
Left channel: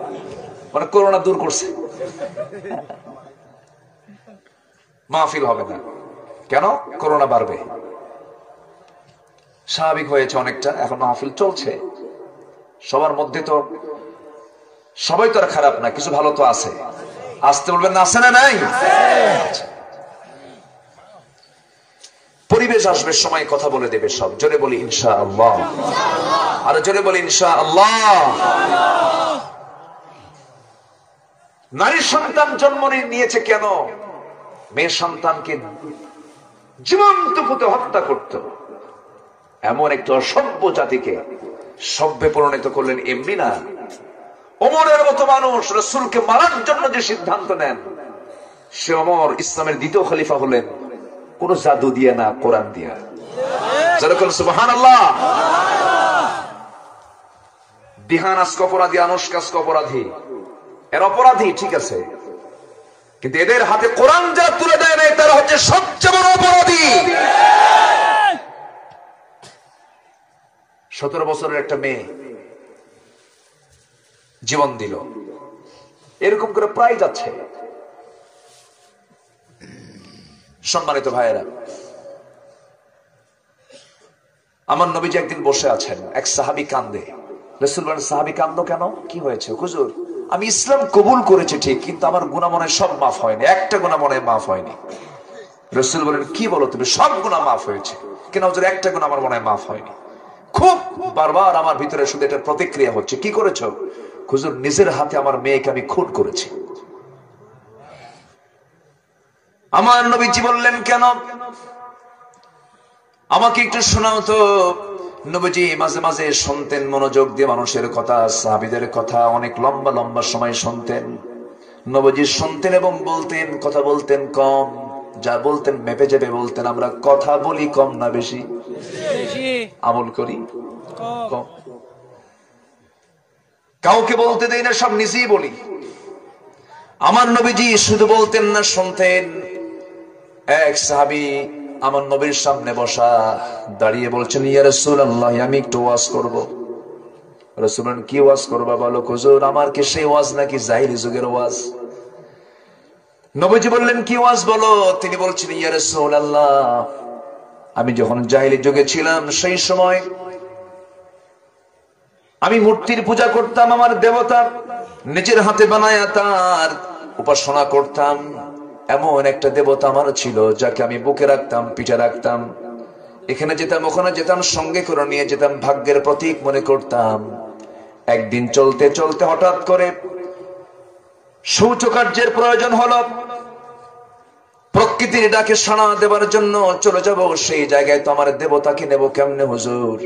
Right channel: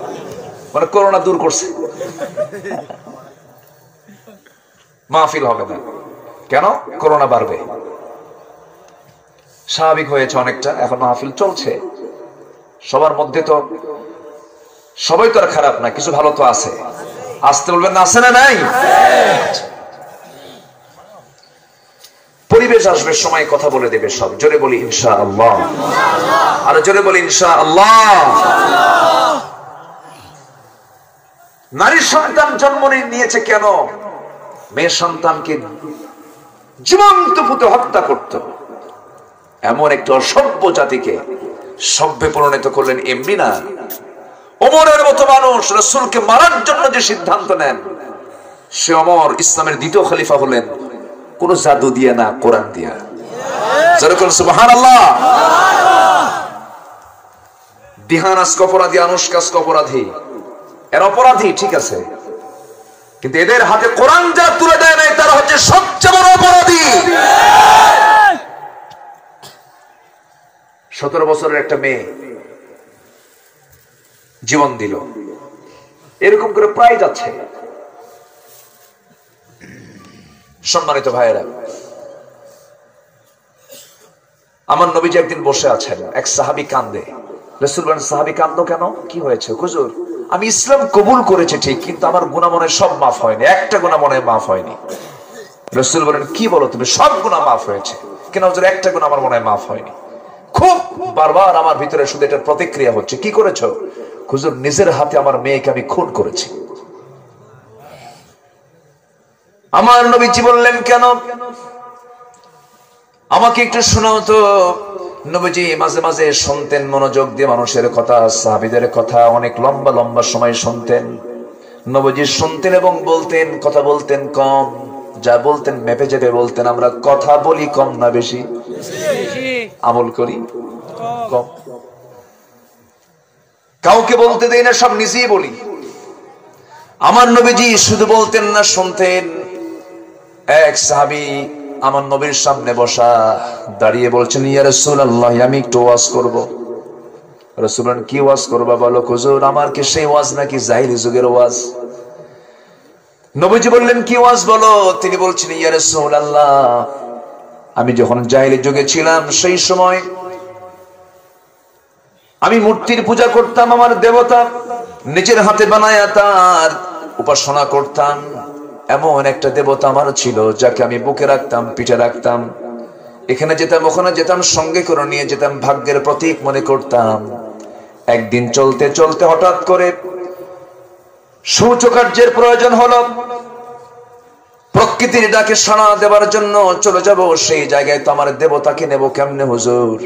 মানে করোনা দূর করছে। মাহফিল হবে না কেন? করোনা বাড়বে, স্বাভাবিক হয়েছে অনেকটা। এখন মাহফিল চলছে, সবার মধ্যে তো সবাই তো আর খারাপ না, কিছু ভালো তো আছে। আসতে বলবেন না, আছে না নাই? পরিবেশ আসবে, সময় কথা বলে দেবে সব। জোরে বলি ইনশাআল্লাহ, আর জোরে বলি ইনশাআল্লাহ। নারী সন্তান জন্ম নিয়েছে কেন? মেয়ে সন্তানকে জীবন্ত পুঁতে হত্যা করত এমন একটা অসভ্য জাতিকে সভ্যে পরিণত করলেন এমনি না। ওমরের মতো মানুষ রাসূলকে মারার জন্য যে সিদ্ধান্ত নেন, সে ওমর ইসলামের দ্বিতীয় খলিফা হলেন কোন জাদু দিয়ে না, কোরআন দিয়া। যেরকম সুবহানাল্লাহ। দিহান আজকে অপরাধী, আনুষ্কা আজকে অপরাধী, এর অপরাধী ঠিক আছে, কিন্তু এদের হাতে কোরআন যারা তুলে দেয় না, তারা হচ্ছে সবচেয়ে বড় অপরাধী। 17 বছরের একটা মেয়ে জীবন দিল, এরকম করে প্রায় যাচ্ছে। সম্মানিত ভাইয়েরা, আমার নবীজি একদিন বসে আছেন, এক সাহাবী কান্দে। রাসূল বলেন, সাহাবী কান্দো কেন? কি হয়েছে? হুজুর, আমি ইসলাম কবুল করেছি ঠিক, কিন্তু আমার গুনাহ মনে সব মাফ হয়নি, একটা গুনাহ মনে মাফ হয়নি। রাসূল বলেন, কি বলো তুমি? সব গুনাহ মাফ হয়েছে, কেন হুজুর? একটা গুনাহ আমার মনে মাফ হয়নি। খুব বারবার আমার ভিতরে শুধু এটার প্রতিক্রিয়া হচ্ছে। কি করেছো? হুজুর, নিজের হাতে আমার মেয়েকে আমি খুন করেছি। আমার নবীজি বললেন, কেন? আমাকে একটু শোনাও তো। নবীজি মাঝে মাঝে শুনতেন মনোযোগ দিয়ে মানুষের কথা, সাহাবীদের কথা, অনেক লম্বা লম্বা সময় শুনতেন। নবীজি শুনতেন এবং বলতেন, কথা বলতেন কম, যা বলতেন মেপে চেপে বলতেন। আমরা কথা বলি কম না বেশি? আমল করি কম, কাউকে বলতে দেই না, সব নিজেই বলি। আমার নবীজি শুধু বলতেন না, শুনতেন। এক সাহাবী আমার নবীর সামনে বসা, দাঁড়িয়ে বলছেন, ইয়া রাসূলুল্লাহ, আমি একটু ওয়াজ করব। রাসূল বলেন, কি ওয়াজ করবা বলো? হুজুর, আমার কি সেই ওয়াজ নাকি জাহিলি যুগের ওয়াজ? নবীজি বললেন, কি ওয়াজ বলো? তিনি বলছেন, ইয়া রাসূলুল্লাহ, আমি যখন জাহিলি যুগে ছিলাম, সেই সময় আমি মূর্তির পূজা করতাম। আমার দেবতা নিজের হাতে বানায়া তার উপাসনা করতাম। এমন একটা দেবতা আমার ছিল, যাকে আমি বুকে রাখতাম, পিঠে রাখতাম, এখানে যেতাম ওখানে যেতাম, সঙ্গে করে নিয়ে যেতাম, ভাগ্যের প্রতীক মনে করতাম। একদিন চলতে চলতে হঠাৎ করে শৌচকার্যের প্রয়োজন হলো। প্রকৃতির ডাকে সাড়া দেওয়ার জন্য চলে যাব সেই জায়গায়, তো আমার দেবতাকে নেব কেমনে হুজুর?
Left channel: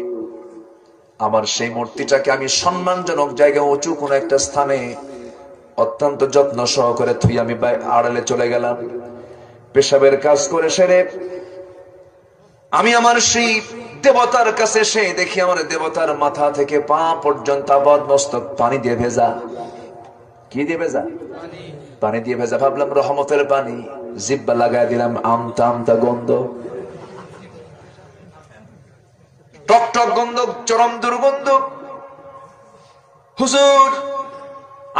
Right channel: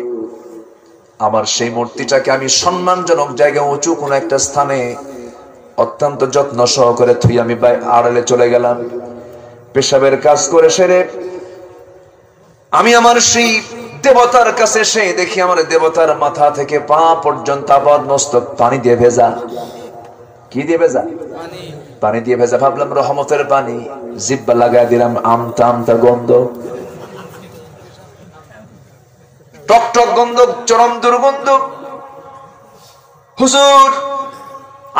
আমার সেই মূর্তিটাকে আমি সম্মানজনক জায়গায়, উঁচু কোন একটা স্থানে অত্যন্ত যত্ন সহকারে থুই আমি আড়ালে চলে গেলাম। পেশাবের কাজ করে সেরে আমি আমার সেই দেবতার কাছে এসে দেখি, আমার দেবতার মাথা থেকে পা পর্যন্ত আপাদ মস্তক পানি দিয়ে ভেজা। কি দিয়ে ভেজা? পানি দিয়ে ভেজা, ভাবলাম রহমতের পানি, জিব্বা লাগায় দিলাম, আমতা আমতা গন্ধ, টক টক গন্ধ, চরম দুর্গন্ধ। হুজুর,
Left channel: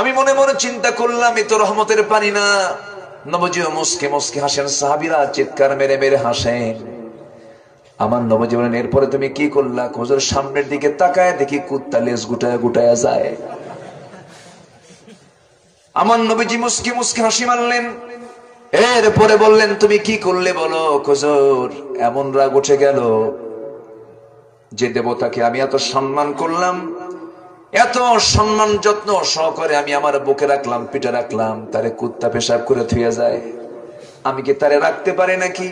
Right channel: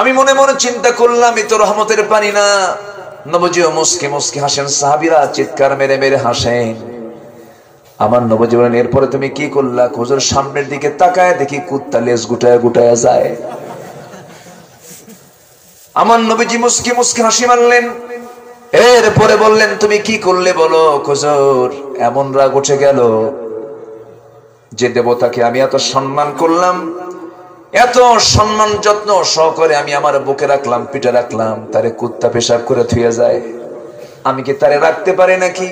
আমি মনে মনে চিন্তা করলাম এ তো রহমতের পানি না। নবীজিও মুস্কি মুস্কি হাসেন, সাহাবীরা চিৎকার মেরে মেরে হাসেন। আমার নবীজি বলেন, এরপরে তুমি কি করলা? হুজুর, সামনের দিকে তাকায় দেখি কুত্তা লেজ গুটায় গুটায় যায়। আমার নবীজি মুস্কি মুস্কি হাসি মারলেন, এরপরে বললেন, তুমি কি করলে বলো? হুজুর, এমন রাগ উঠে গেল, যে দেবতাকে আমি এত সম্মান করলাম, এত সম্মান যত্ন সহকারে আমি আমার বুকে রাখলাম, পিঠে রাখলাম, তারে কুত্তা পেশাব করে থুয়ে যায়, আমি কি তারে রাখতে পারি নাকি?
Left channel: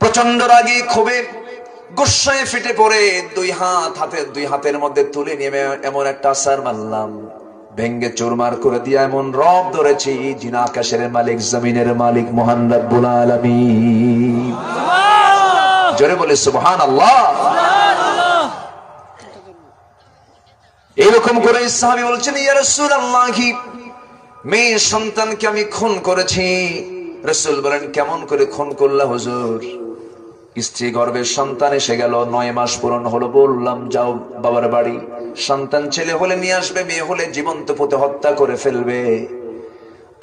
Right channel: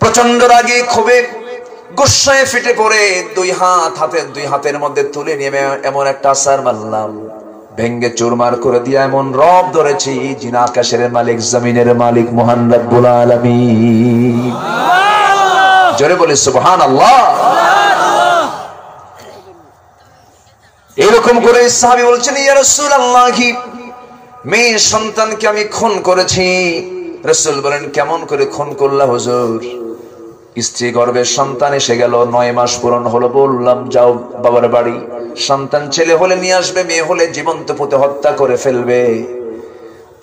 প্রচন্ড রাগে ক্ষোভে গুসায় ফেটে পড়ে দুই হাতের মধ্যে তুলে নিয়ে এমন একটা আছাড় মারলাম, ভেঙ্গে চুরমার করে দিয়ে এমন রব ধরেছি, যিনি আকাশের মালিক, জমিনের মালিক, মহান রব্বুল আলামিন। জোরে বলে সুবহানাল্লাহ। এরকম করে সাহাবী বলছেন, ইয়া রাসূলুল্লাহ, মেয়ে সন্তানকে আমি খুন করেছি। রাসূল বলেন, কেমন করে খুন করলা হুজুর? স্ত্রী গর্ভে সন্তান এসে গেল, 9 মাস পূরণ হলো, বললাম যাও বাবার বাড়ি, সন্তান ছেলে হলে নিয়ে আসবে, মেয়ে হলে জীবন্ত পুঁতে হত্যা করে ফেলবে।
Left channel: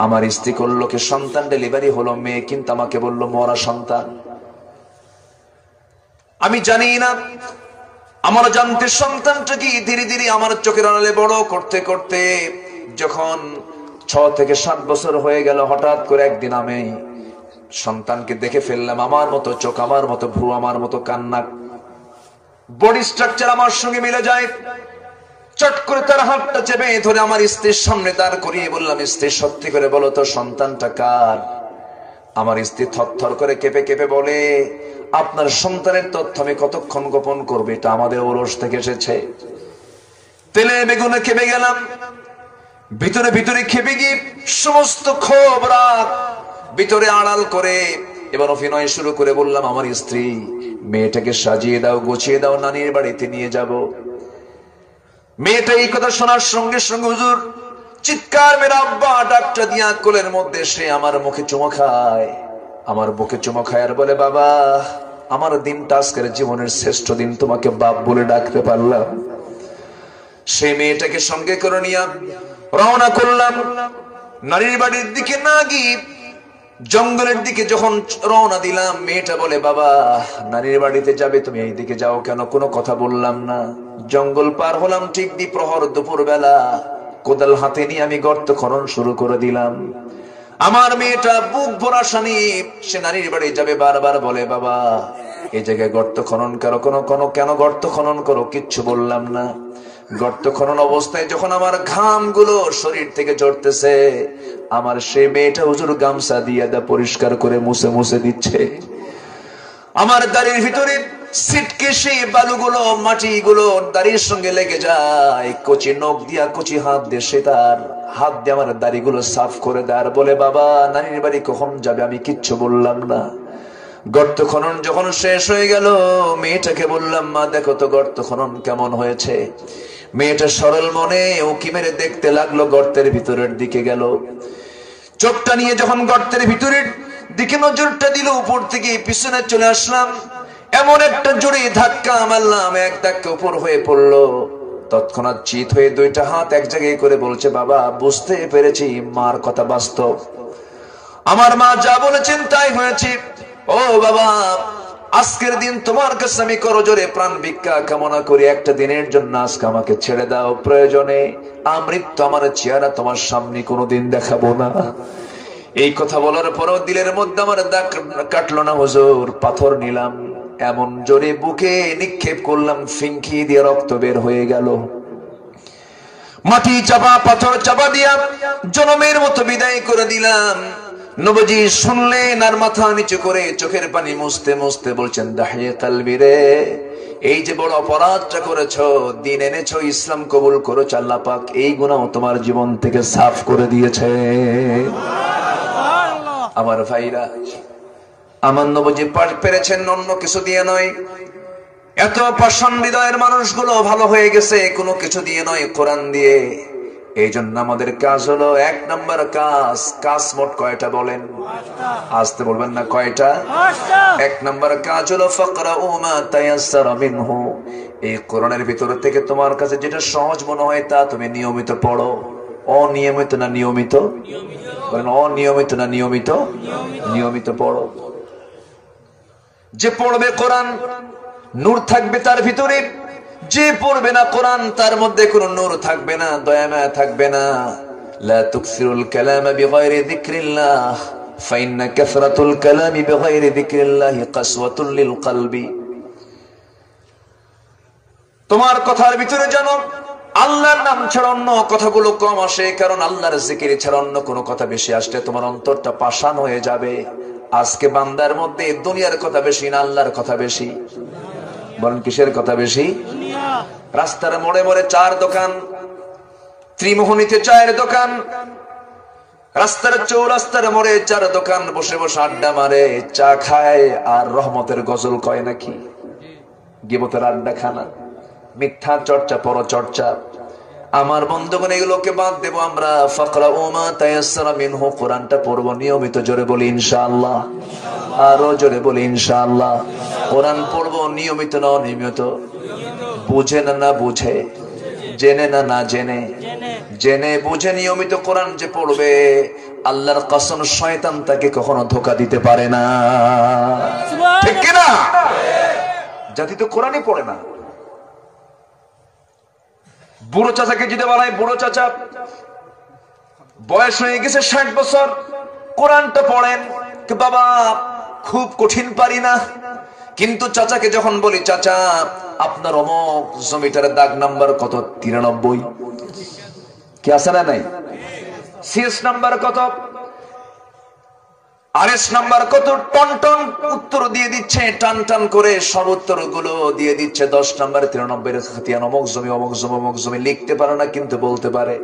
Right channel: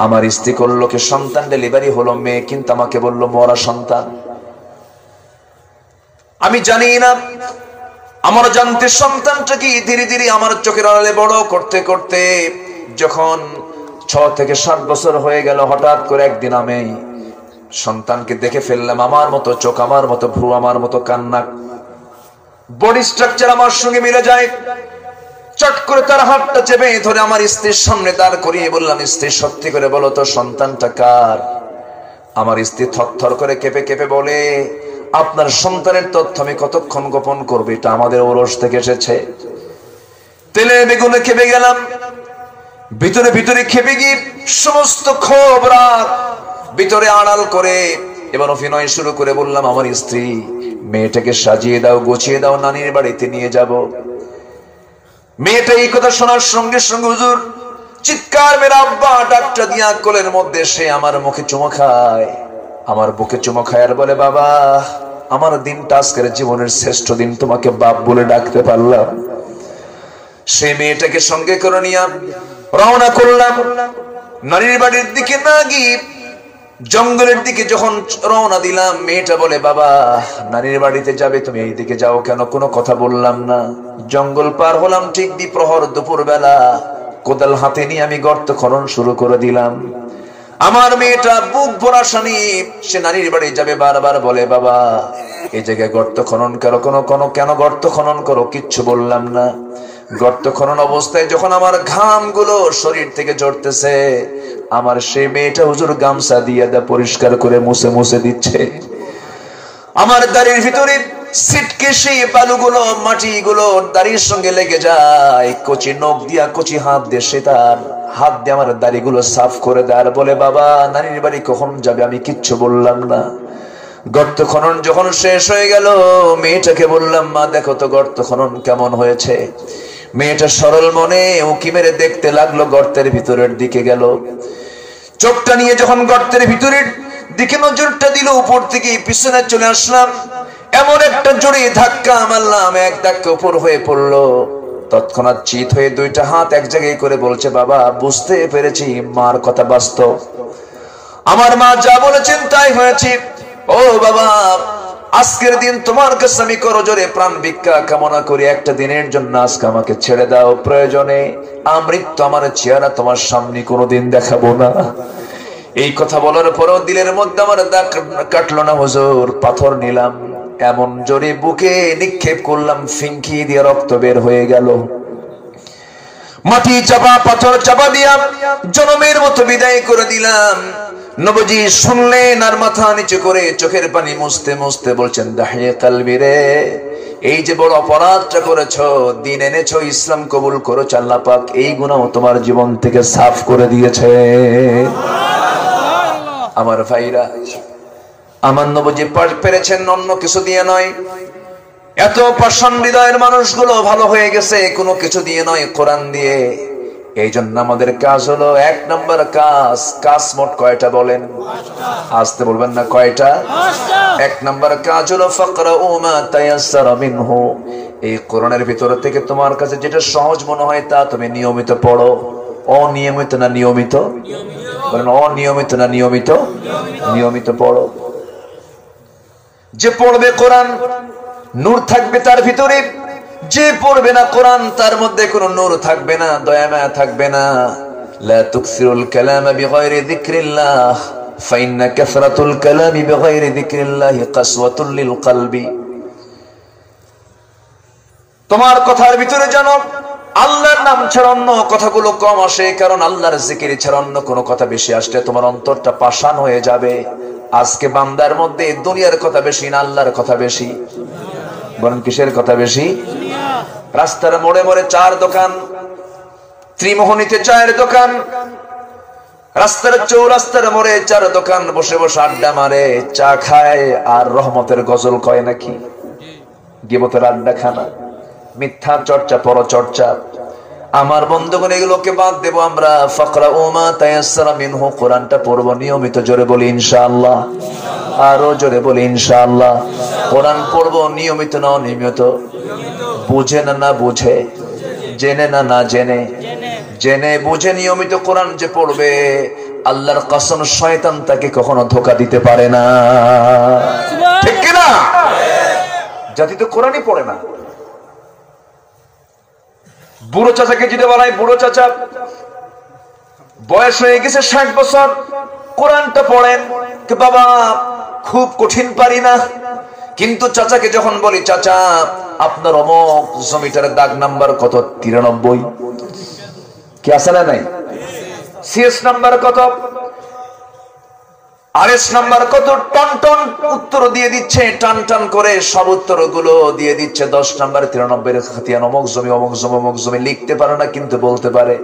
আমার স্ত্রী করলো কি, সন্তান ডেলিভারি হলো, মেয়ে কিন্তু আমাকে বললো মরা সন্তান। আমি জানি না, আমার জানতে সন্তানটা কি ধীরে ধীরে আমার চোখের আড়ালে বড় করতে করতে যখন 6 থেকে 7 বছর হয়ে গেল, হঠাৎ করে একদিন আমি সন্তানকে দেখে ফেললাম, আমার মতো চোখ, আমার মতো ভ্রু, আমার মতো কান্না, বডি স্ট্রাকচার আমার সঙ্গে মিলে যায়। চট করে তার হাতটা চেপে ধরে আমার স্ত্রীর সামনে দাঁড় করিয়ে বললাম, স্ত্রী সত্যি করে বলো তো সন্তানটা কার? আমার স্ত্রী থরথর করে কেঁপে কেঁপে বলে, আপনার সন্তানের তথ্য আমি কতক্ষণ গোপন করবো, এটা আমাদের ওরস থেকে এসেছে। তেলে বেগুনে খেপে গেলাম, ভিতরে ভিতরে খেপে গিয়ে সমস্ত ক্ষোভ রাগ ভিতরে আড়াল করে এবার অভিনয় শুরু করে বললাম, আমার স্ত্রী, মেয়েটাকে সাজিয়ে দাও, গুছিয়ে দাও, নানির বাড়িতে নিয়ে যাব। মেয়েটা এই কথা শোনার সঙ্গে সঙ্গে হুজুর চিৎকার মেরে আব্বা ডাকটা দিয়া কোলের মধ্যে সে আমার মুখে চুমো খায়, আমার বুকে চুমো খায় আর বলে, বাবা, আমার দিনটা আজকের জীবনের শ্রেষ্ঠ দিন, তোমাকে বাপ বলে ডাকতে পারলাম। সে মেয়েটাকে সঙ্গে করে নিয়ে রওনা করলাম নানির বাড়ির দিকে। না গিয়ে জঙ্গলের দিকে যখন রওনা দিলাম, মেয়েটা বলে, বাবা, নানির বাড়িতে যাবে, তুমি এই দিকে যাও কেন? কোনো কথা বললাম না। জঙ্গল পার হলাম, ঠিক দ্বিপ্রহর দুপুর বেলা, কোদাল হাতে নিয়ে আমি গর্ত খনন শুরু করে দিলাম। আমার মেয়েটা বুক ভরা শানি, সে নানির বাড়ি যাবে, বারবার বলে, বাবা, এই জায়গায় গর্ত খনন করো, কেন গর্ত খনন করো? কিচ্ছু বললাম না। গর্ত খনন অবস্থায় যখন আমার ঘাম গুলো শরীর থেকে ঝরতেছে, আমার সেই মেয়েটা হুজুর গামছা দিয়ে পরিষ্কার করে মুছে মুছে দিচ্ছে। আমার দাড়ির ভিতরে সিটকে সেই বালুগুলো, মাটিগুলো দাড়ির সঙ্গে লেগে যায়, কচি নখ দিয়া, কচি হাত দিয়ে সে তার হাত দিয়ে আমার দাড়িগুলো সাফ করে দেয় আর বলে, বাবা, নানির বাড়ি কখন যাবে? আমি কিচ্ছু বললাম না। গর্ত খনন যখন শেষ হয়ে গেল, মেয়েটাকে বললাম, মা, দেখো তো গর্ত খনন কেমন হয়েছে। মেয়েটা সরল মনে উঁকি মেরে দেখতে লাগলো, গর্তের ভিতরের দিকে গেল। চোখটা নিয়ে যখন গর্তের ভিতরের দিকে নজরটা দিল, উপর থেকে পিছনে চলে আসলাম, এমন একটা জোরে ধাক্কা মারলাম, এক ধাক্কা উপর হয়ে পড়লো। তৎক্ষণাৎ চিত হয়ে দুইটা হাত এক জায়গায় করে বলছে, বাবা, বুঝতে পেরেছি মার কথা বাস্তব, আমার মা যা বলেছেন তাই হয়েছে। ও বাবা, আজকের দিন তোমার কাছে আমি করজোরে প্রাণ ভিক্ষা কামনা করি, একটা দিনের জন্য আজকে আমাকে ছেড়ে দাও, প্রয়োজনে আমৃত্যু আমার চেহারা তোমার সামনে কোনোদিন দেখাবো না। এই কথা বলার পরও দিলের মধ্যে আমার দাগ কাটলো না হুজুর। পাথর নিলাম, এমন জোরে বুকে নিক্ষেপ করলাম, ফিঙ্কি দিয়ে রক্ত বের হয়ে গেল। মাটি চাপা, পাথর চাপা দিয়া জনমের মতো বিদায় করে দিলাম। নবীজি শুনলেন আর মাথা নিচু করে চোখের পানি মুছতে মুছতে বলছেন, দাহিয়ে কালবি রে, এই যে বড় অপরাধটা করেছো, দিন এনেছো, ইসলাম কবুল করেছো, আল্লাহ পাক এই গুনাহ তোমার জীবন থেকে সাফ করে দিয়েছে। আমার ভাইরা, আমার নবীজি পেরেছেন অন্য কিছু দিয়ে নয়, এত পাষাণ হৃদয়ের মানুষগুলো ভালো হয়ে গেছে কোনো কিছু দিয়ে নয়, কোরআন দিয়ে। এই জন্য আমাদের কাজ হলো 1 নম্বর কাজ মোট কয়টা বলেন? আসতে বলবেন না, কয়টা? 1 নম্বর কাজ হলো ফাকরাউ মা তায়াসসারা মিনহু, এই কোরআনের ভিতর থেকে তোমার কাছে যেটা সহজ মনে হয় তা তুমি নিয়মিত পড়ো। অনিয়মিত না নিয়মিত? বলেন অনিয়মিত না নিয়মিত? নিয়মিত পড়ো। যে পড়বে কোরআন নূর থাকবে তার ভিতরে, যে পড়বে না কোরআন তার মধ্যে কোনো নূর থাকবে না, দয়া মায়া থাকবে না। লা তুকসিরুল কালামা বিগাইরি যিকরিল্লাহ ফাইন্না কাসরাতুল কালামি বিগাইরি যিকরিল্লাহ কাসওয়াতুল লিল কলবি। তোমার কথার ভিতরে যেন আল্লাহর নাম ছাড়া অন্য কথাগুলো কম আসে, কারণ আল্লাহর জিকির ছাড়া অন্য কোনো কথা বেশি আসলে তোমার অন্তরটা পাষাণ হয়ে যাবে। আজকে বান্দার মধ্যে দুনিয়ার কথা বেশি না আল্লাহর কথা বেশি? বলেন কিসের কথা বেশি? রাস্তার মোড়ে মোড়ে 4 দোকান, ত্রিমোহনীতে 4 দোকান, রাস্তার চৌরাস্তার মোড়ে 4 দোকান, বসে বসে আড্ডা মারে, চা খায় আর রহমতের গজল কয় নাকি? গীবতের আড্ডা খানা, মিথ্যা চর্চা, পরচর্চা। আমার বন্ধুগণ এগুলোকে বাদ দেব আমরা। ফাকরাউ মা তায়াসসারা মিনহু, কোরআনটা পড়ব নিয়মিত। জোরে বলি ইনশাআল্লাহ, আরো জোরে বলি ইনশাআল্লাহ। কোরআন পড়ব নিয়মিত না অনিয়মিত? বুঝে না না বুঝে? জেনে না না জেনে? জেনে বুঝে নিয়মিত কোরআন যে পড়বে, আল্লাহর কসম শয়তান তাকে কখনো ধোঁকা দিতে পারে না। ঠিক কি না? জাতি তো কোরআনই পড়ে না। বুড়ো চাচাকে যদি বলাই, বুড়ো চাচা বয়স হয়ে গেছে 60 বছর, কোরআনটা পড়েন, বাবা খুব কঠিন পারি না। কিন্তু চাচাকে যখন বলি, চাচা আপনার অমুক জমিটার দাগ নাম্বার কত? 93। কি আছে না নাই? সিএস নাম্বার কত? আরএস নাম্বার কত? টন টন উত্তর দিয়ে দিচ্ছে, টান টান করে সব উত্তরগুলো দিয়ে দিচ্ছে। 10 নাম্বার 93 খাতিয়ান, অমুক জমি অমুক জমি অমুক জমি। লিখতে পারে না কিন্তু বলতে পারে।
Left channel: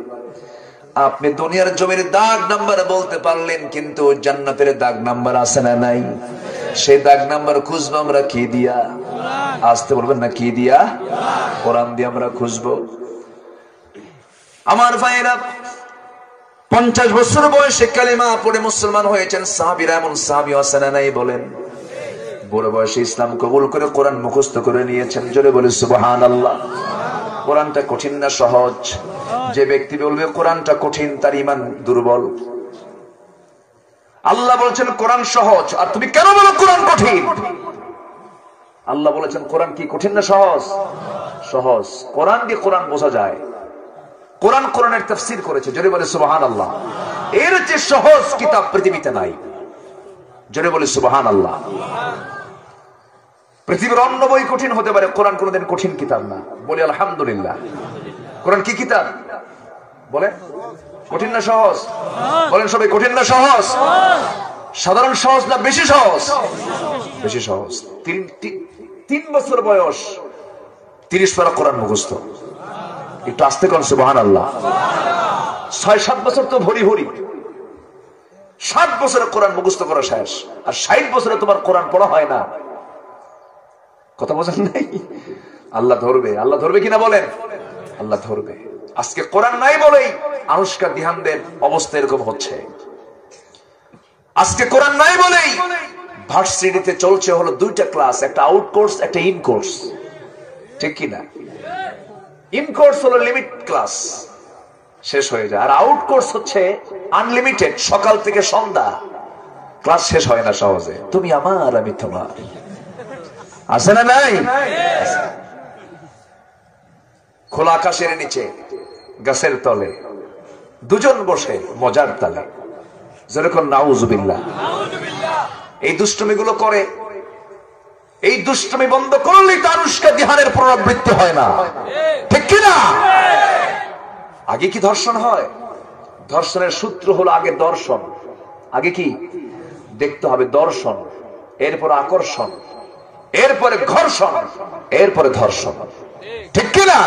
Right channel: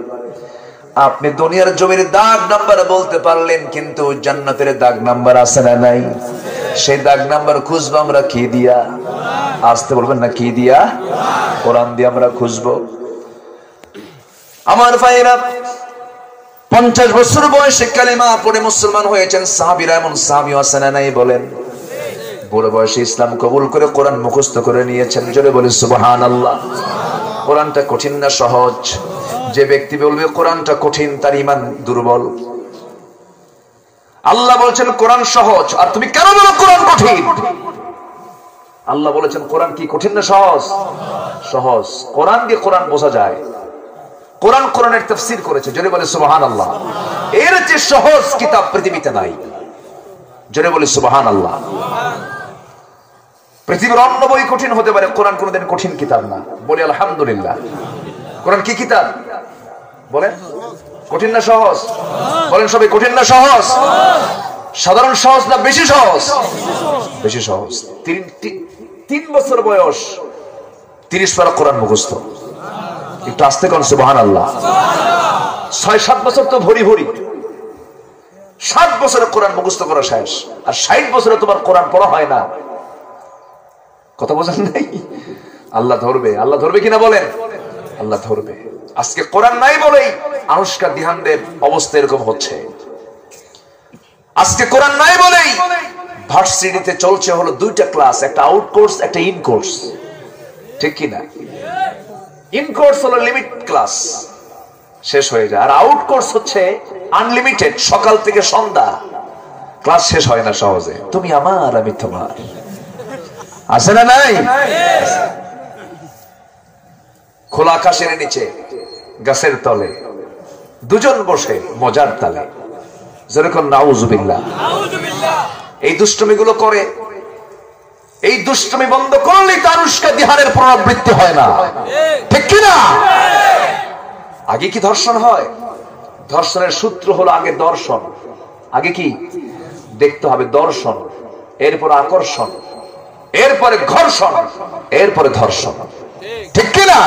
আপনি দুনিয়ার জমির দাগ নাম্বার বলতে পারলেন, কিন্তু জান্নাতের দাগ নাম্বার আছে না নাই? সেই দাগ নাম্বার খুঁজবো আমরা কি দিয়া? আসতে বলবেন না, কি দিয়া? কোরআন দিয়ে আমরা খুঁজবো। আমার ভাইরা, 50 বছর বয়সে কালেমা পড়ে মুসলমান হয়েছেন সাহাবীরা, এমন সাহাবীও আছে না নাই? বলেন। বুড়ো বয়সে ইসলাম কবুল করে কোরআন মুখস্থ করে নিয়েছেন। জোরে বলে সুবহানাল্লাহ। কোরআনটা কঠিন না সহজ? যে ব্যক্তি বলবে কোরআনটা কঠিন, তার ঈমান দুর্বল। আল্লাহ বলেছেন কোরআন সহজ, আর তুমি কেন বলো কোরআন কঠিন? আল্লাহ বলেছেন কোরআন কি কঠিন না সহজ? সহজ। কোরআন দিয়ে কোরআন বোঝা যায়। কোরআন কোরআনের তাফসীর করেছে। জোরে বলে সুবহানাল্লাহ। এর যে সহজ কিতাব পৃথিবীতে নাই। জোরে বলে সুবহানাল্লাহ। পৃথিবীর অন্য বই কঠিন হতে পারে, কোরআন কোনদিন কঠিন কিতাব না। বলি আলহামদুলিল্লাহ। কোরআন কি কিতাব? বলেন কঠিন না সহজ? বলেন সবাই, কঠিন না সহজ? সাধারণ সহজ না বেশি সহজ? বেশি সহজ। 3 বছর বয়স 30 পারা কোরআন মুখস্থ। একটু আস্তে করেন সুবহানাল্লাহ। 6-7 বছর তো ভরি ভরি। 7 বছরে কোরআন মুখস্থ করা শেষ, আর 60 বছরে তোমার কোরআন পড়া হয় না। কথা বোঝেন নাই? আল্লাহ ধরবে। আল্লাহ ধরবে কিনা বলেন? আল্লাহ ধরবে। আজকে কোরআন নাই বলেই আনুষ্কা দিহানদের অবস্থা এরকম হচ্ছে। আজকে কোরআন নাই বলেই ভার্সিটিতে চলছে হলো 2টা ক্লাস, একটা আউট কোর্স একটা ইন কোর্স। ঠিক কিনা? ইন কোর্স হলো লিমিট ক্লাস, শেষ হয়ে যায়, আর আউট কোর্স হচ্ছে আনলিমিটেড, সকাল থেকে সন্ধ্যা ক্লাস শেষ হয় না সহজে। তুমি আমার আমি তোমার, আছে না নাই? খোলা আকাশের নিচে গাছের তলে দুজন বসে মজার তালে। যেরকম নাউজুবিল্লাহ। এই দুষ্টমিগুলো করে, এই দুষ্টমি বন্ধ করলেই তো আনুষ্কা দিহানের পুনরাবৃত্তি হয় না। ঠিক কিনা? আগে কি ধর্ষণ হয়? ধর্ষণের সূত্র হলো আগে দর্শন। আগে কি দেখতে হবে? দর্শন, এরপর আকর্ষণ, এরপরে ঘর্ষণ, এরপরে ধর্ষণ। ঠিক কিনা?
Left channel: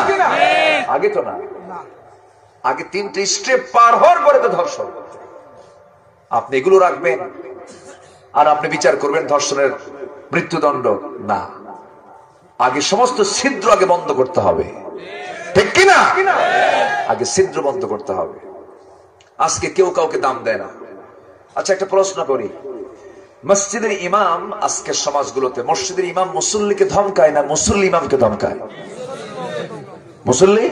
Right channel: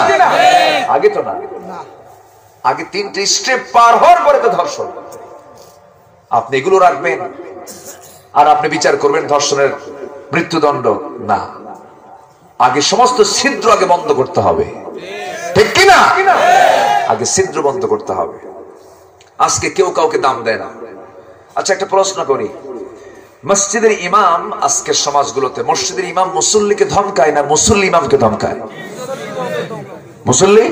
আগে তো না, আগে 3টে স্টেপ পার হওয়ার পরে তো ধর্ষণ। আপনি এগুলো রাখবেন আর আপনি বিচার করবেন ধর্ষণের মৃত্যুদণ্ড না। আগে সমস্ত ছিদ্র আগে বন্ধ করতে হবে। ঠিক কিনা? আগে ছিদ্র বন্ধ করতে হবে। আজকে কেউ কাউকে দাম দেয় না। আচ্ছা, একটা প্রশ্ন করি, মসজিদের ইমাম আজকের সমাজগুলোতে মসজিদের ইমাম মুসল্লিকে ধমকায় না মুসল্লি ইমামকে ধমকায়? মুসল্লি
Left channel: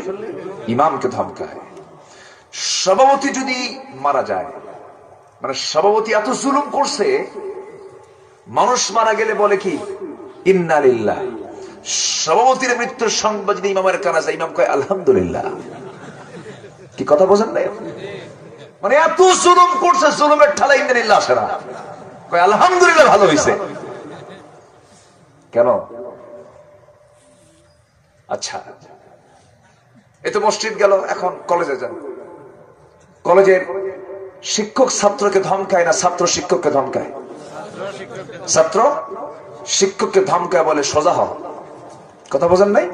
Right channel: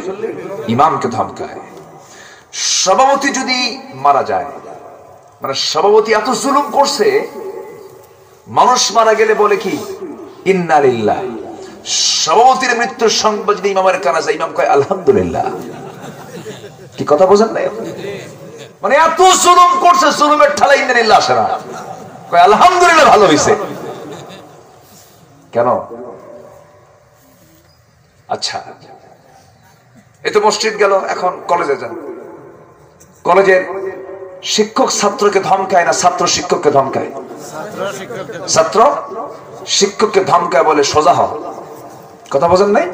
ইমামকে ধমকায়। সভাপতি যদি মারা যায়, মানে সভাপতি এত জুলুম করছে, মানুষ মারা গেলে বলে কি ইন্না লিল্লাহ। সভাপতির মৃত্যুর সংবাদ যদি ইমামের কানে যায়, ইমাম কয় আলহামদুলিল্লাহ। কি কথা বোঝেন না? মানে এত জুলুম করছে, জুলুমের ঠালা ইন্না লিল্লাহ আসে না, কয় আলহামদুলিল্লাহ ভালো হয়েছে। কেন? আচ্ছা, এই তো মসজিদ গেল, এখন কলেজে যান। কলেজের শিক্ষক ছাত্রকে ধমকায় না ছাত্র শিক্ষককে ধমকায়? ছাত্র শিক্ষককে ধমকায়, বলে সোজা হ। কথা বোঝেন নাই?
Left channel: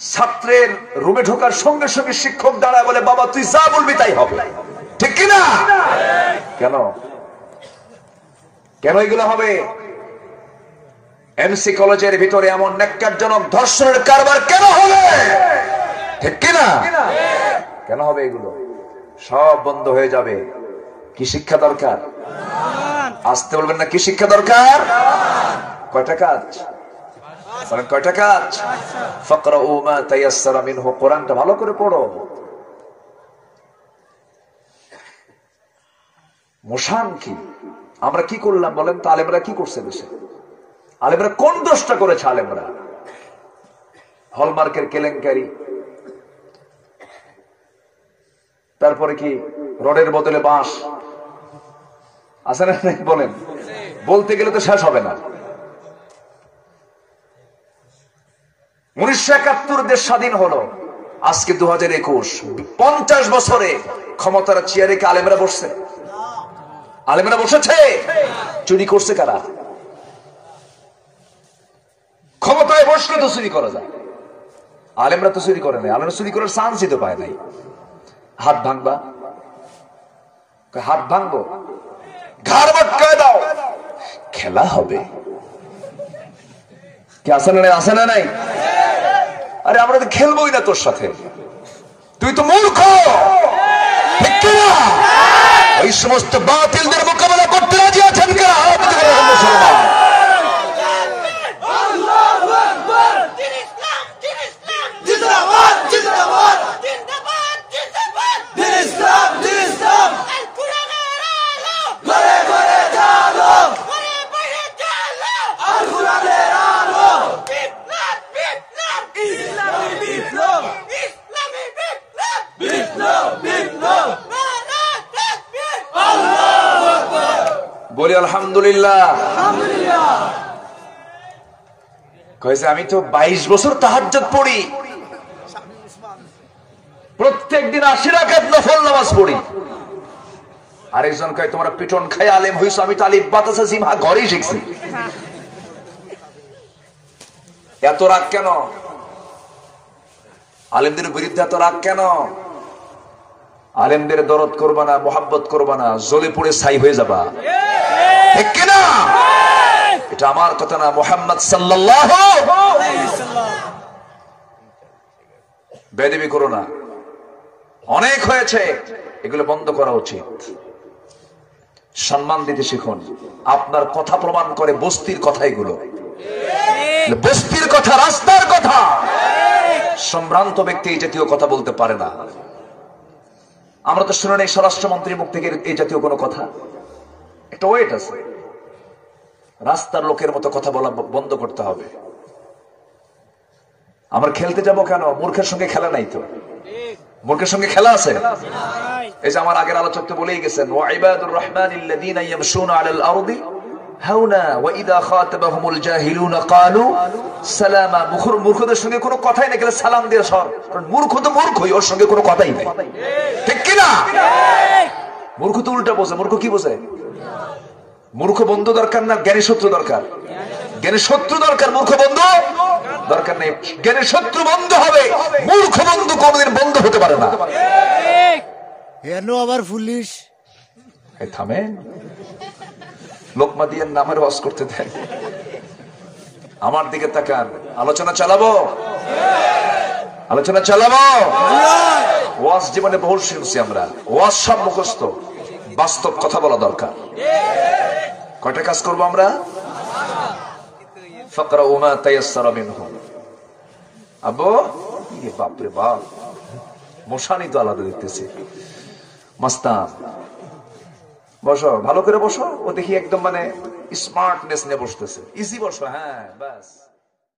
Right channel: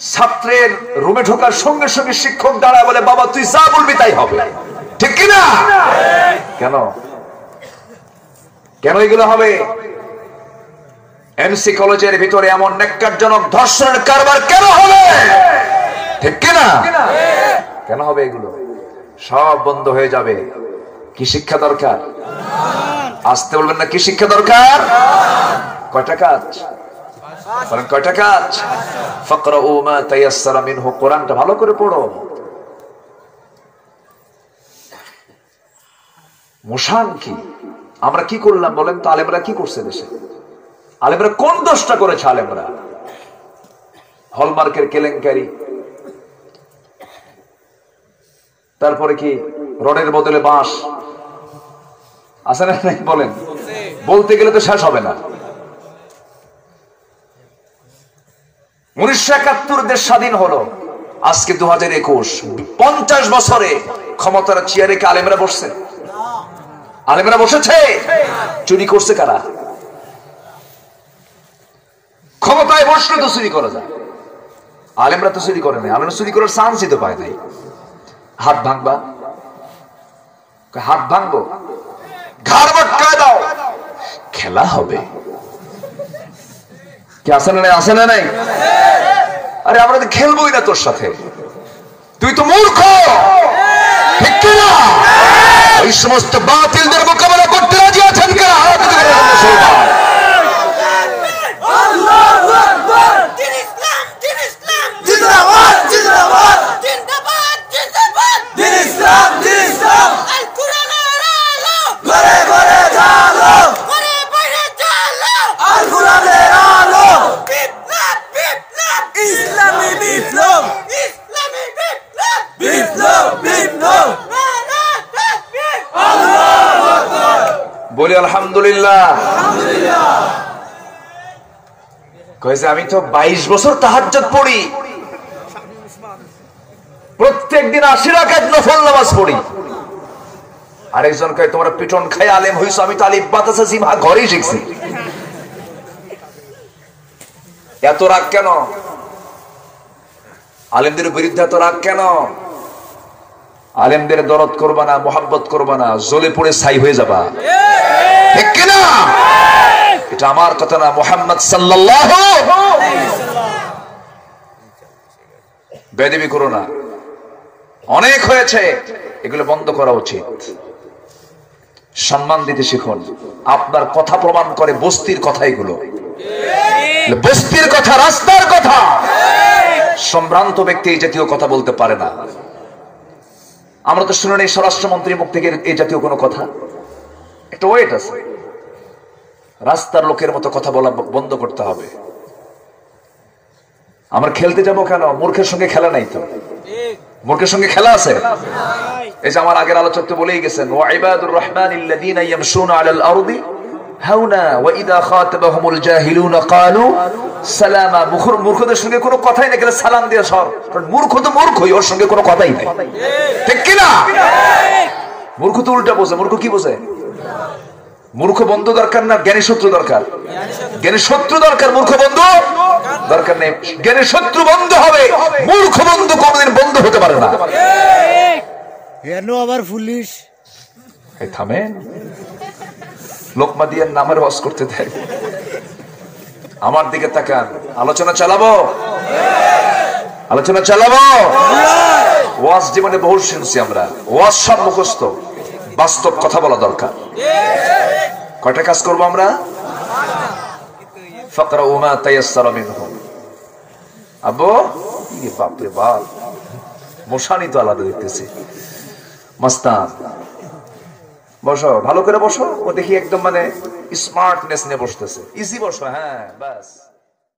ছাত্রের রুমে ঢোকার সঙ্গে সঙ্গে শিক্ষক দাঁড়ায় বলে বাবা তুই যা বলবি তাই হবে, ঠিক কিনা? কেন কেন এগুলো হবে? এমসি কলেজের ভিতরে এমন ন্যাক্কারজনক ধর্ষণের কারবার কেন হবে, ঠিক কিনা? কেন হবে? এগুলো সব বন্ধ হয়ে যাবে। কি শিক্ষা দরকার? আসতে বলবেন না, কি শিক্ষা দরকার? কয়টা কাজ বলেন? কয়টা কাজ? ফাকরাউ মা তায়াসসারা মিনহু, কোরআনটা ভালো করে পড়ো। মুশান কি? আমরা কি করলাম বলেন তো? আলেমরা কি করছে দেশে? আলেমরা কোন দোষটা করেছে? আলেমরা হলমার্কের কেলেঙ্কারি, তারপরে কি রডের বদলে বাঁশ, আছে না নাকি বলেন? বলতে গেলে তো শেষ হবে না। 1971 দেশ স্বাধীন হলো, আজকে 2021, 50 বছরে ক্ষমতার চেয়ারে কি আলেমরা বসছে? আলেমরা বসেছে? চুরি করছে কারা? ক্ষমতায় বসলে তো চুরি করা যায়, আলেমরা তো চুরি করে নাই। আলেমরা চুরি করার চান্সই তো পায় নাই। হাত ভাঙবা, হাত ভাঙবো, ঘাড় মটকায় দাও, খেলা হবে। কি আছে না নাই? আছে না নাই? আরে আমরা তো খেলবোই না তোর সাথে, তুই তো মূর্খ, ঠিক কিনা? ওই সমস্ত বাতিলদের মোকাবেলা করতে রাজি আছেন কেন? বলি আলহামদুলিল্লাহ। কয়েছে আমি তো 22 বছর তাহাজ্জুদ পড়ি, প্রত্যেক দিন 80 রাকাত নফল নামাজ পড়ি। আরেকজন কয় তোমরা পিটন খাই আলেম হইছো, আমি তো আলিফ বাতাসা জিমা ঘরেই শিখছি। এত রাগ কেন? আলেমদের বিরুদ্ধে এত রাগ কেন? আলেমদের দরদ করবা না, মোহাব্বত করবা না, জ্বলে পড়ে ছাই হয়ে যাবা, ঠিক কিনা? এটা আমার কথা না, মুহাম্মদ সাল্লাল্লাহু আলাইহি ওয়াসাল্লাম। বেয়াদবি করো না, অনেক হয়েছে, এগুলো বন্ধ করা উচিত। সম্মান দিতে শিখুন। আপনার কথা প্রমাণ করে বস্তির কথা, এগুলো বস্তির কথা, রাস্তার কথা। সম্ভ্রান্ত ব্যক্তি এই জাতীয় কথা বলতে পারে না। আমরা তো শুনে নেই স্বরাষ্ট্রমন্ত্রীর মুখ থেকে এই জাতীয় কোনো কথা। একটা ওয়েট আছে, রাস্তার লোকের মতো কথা বলা বন্ধ করতে হবে। আমরা খেলতে যাব কেন? মূর্খের সঙ্গে খেলা নাই তো, মূর্খের সঙ্গে খেলা আছে। এই যে আমার আগের আলোচক তো বলেই গেছেন, ওয়া ইবাদুর রাহমানিল্লাযীনা ইয়ামশুনা আলাল আরদি হাওনা ওয়া ইযা খাতাবাহুমুল জাহিলুনা ক্বালু সালামা। মূর্খদের সঙ্গে কোনো কথাই না, গেলে সালাম দিয়ে সর। মূর্খ তো মূর্খই, ওর সঙ্গে কোনো কথাই নেই, ঠিক কি না? মূর্খ তো উল্টা বোঝে। মূর্খ কি বোঝে? মূর্খ বন্ধু দরকার না, জ্ঞানী শত্রু দরকার। জ্ঞানী শত্রু দরকার, মূর্খ বন্ধু দরকার নেই। জ্ঞানী শত্রু বন্ধু হবে, মূর্খ বন্ধু কোনদিন বন্ধু হতে পারে না। আবার পুলিশ থামেন, লোকমা দিয়ে নামের ওয়াজ করতে দেয়। আমার দিকে তাকান, আলোচনা চালাবো। আলোচনা চালাবো। ওয়াজ জীবনে বহু শুনছি আমরা, ওয়াজ সব মুখস্থ, বাস্তব কথা বলা দরকার। কয়টা কাজ করবো আমরা? ফাকরাউ মা তায়াসসারা মিনহু। আব্বু বাপ রে বাপ, মশানি তো আলাদা দেখতেছি। মাস্তান বসো, ভালো করে বসো। ও দেখি একদম মানে স্মার্টনেস নিয়ে বসতেছে। ইজি বসো, হ্যাঁ বাস।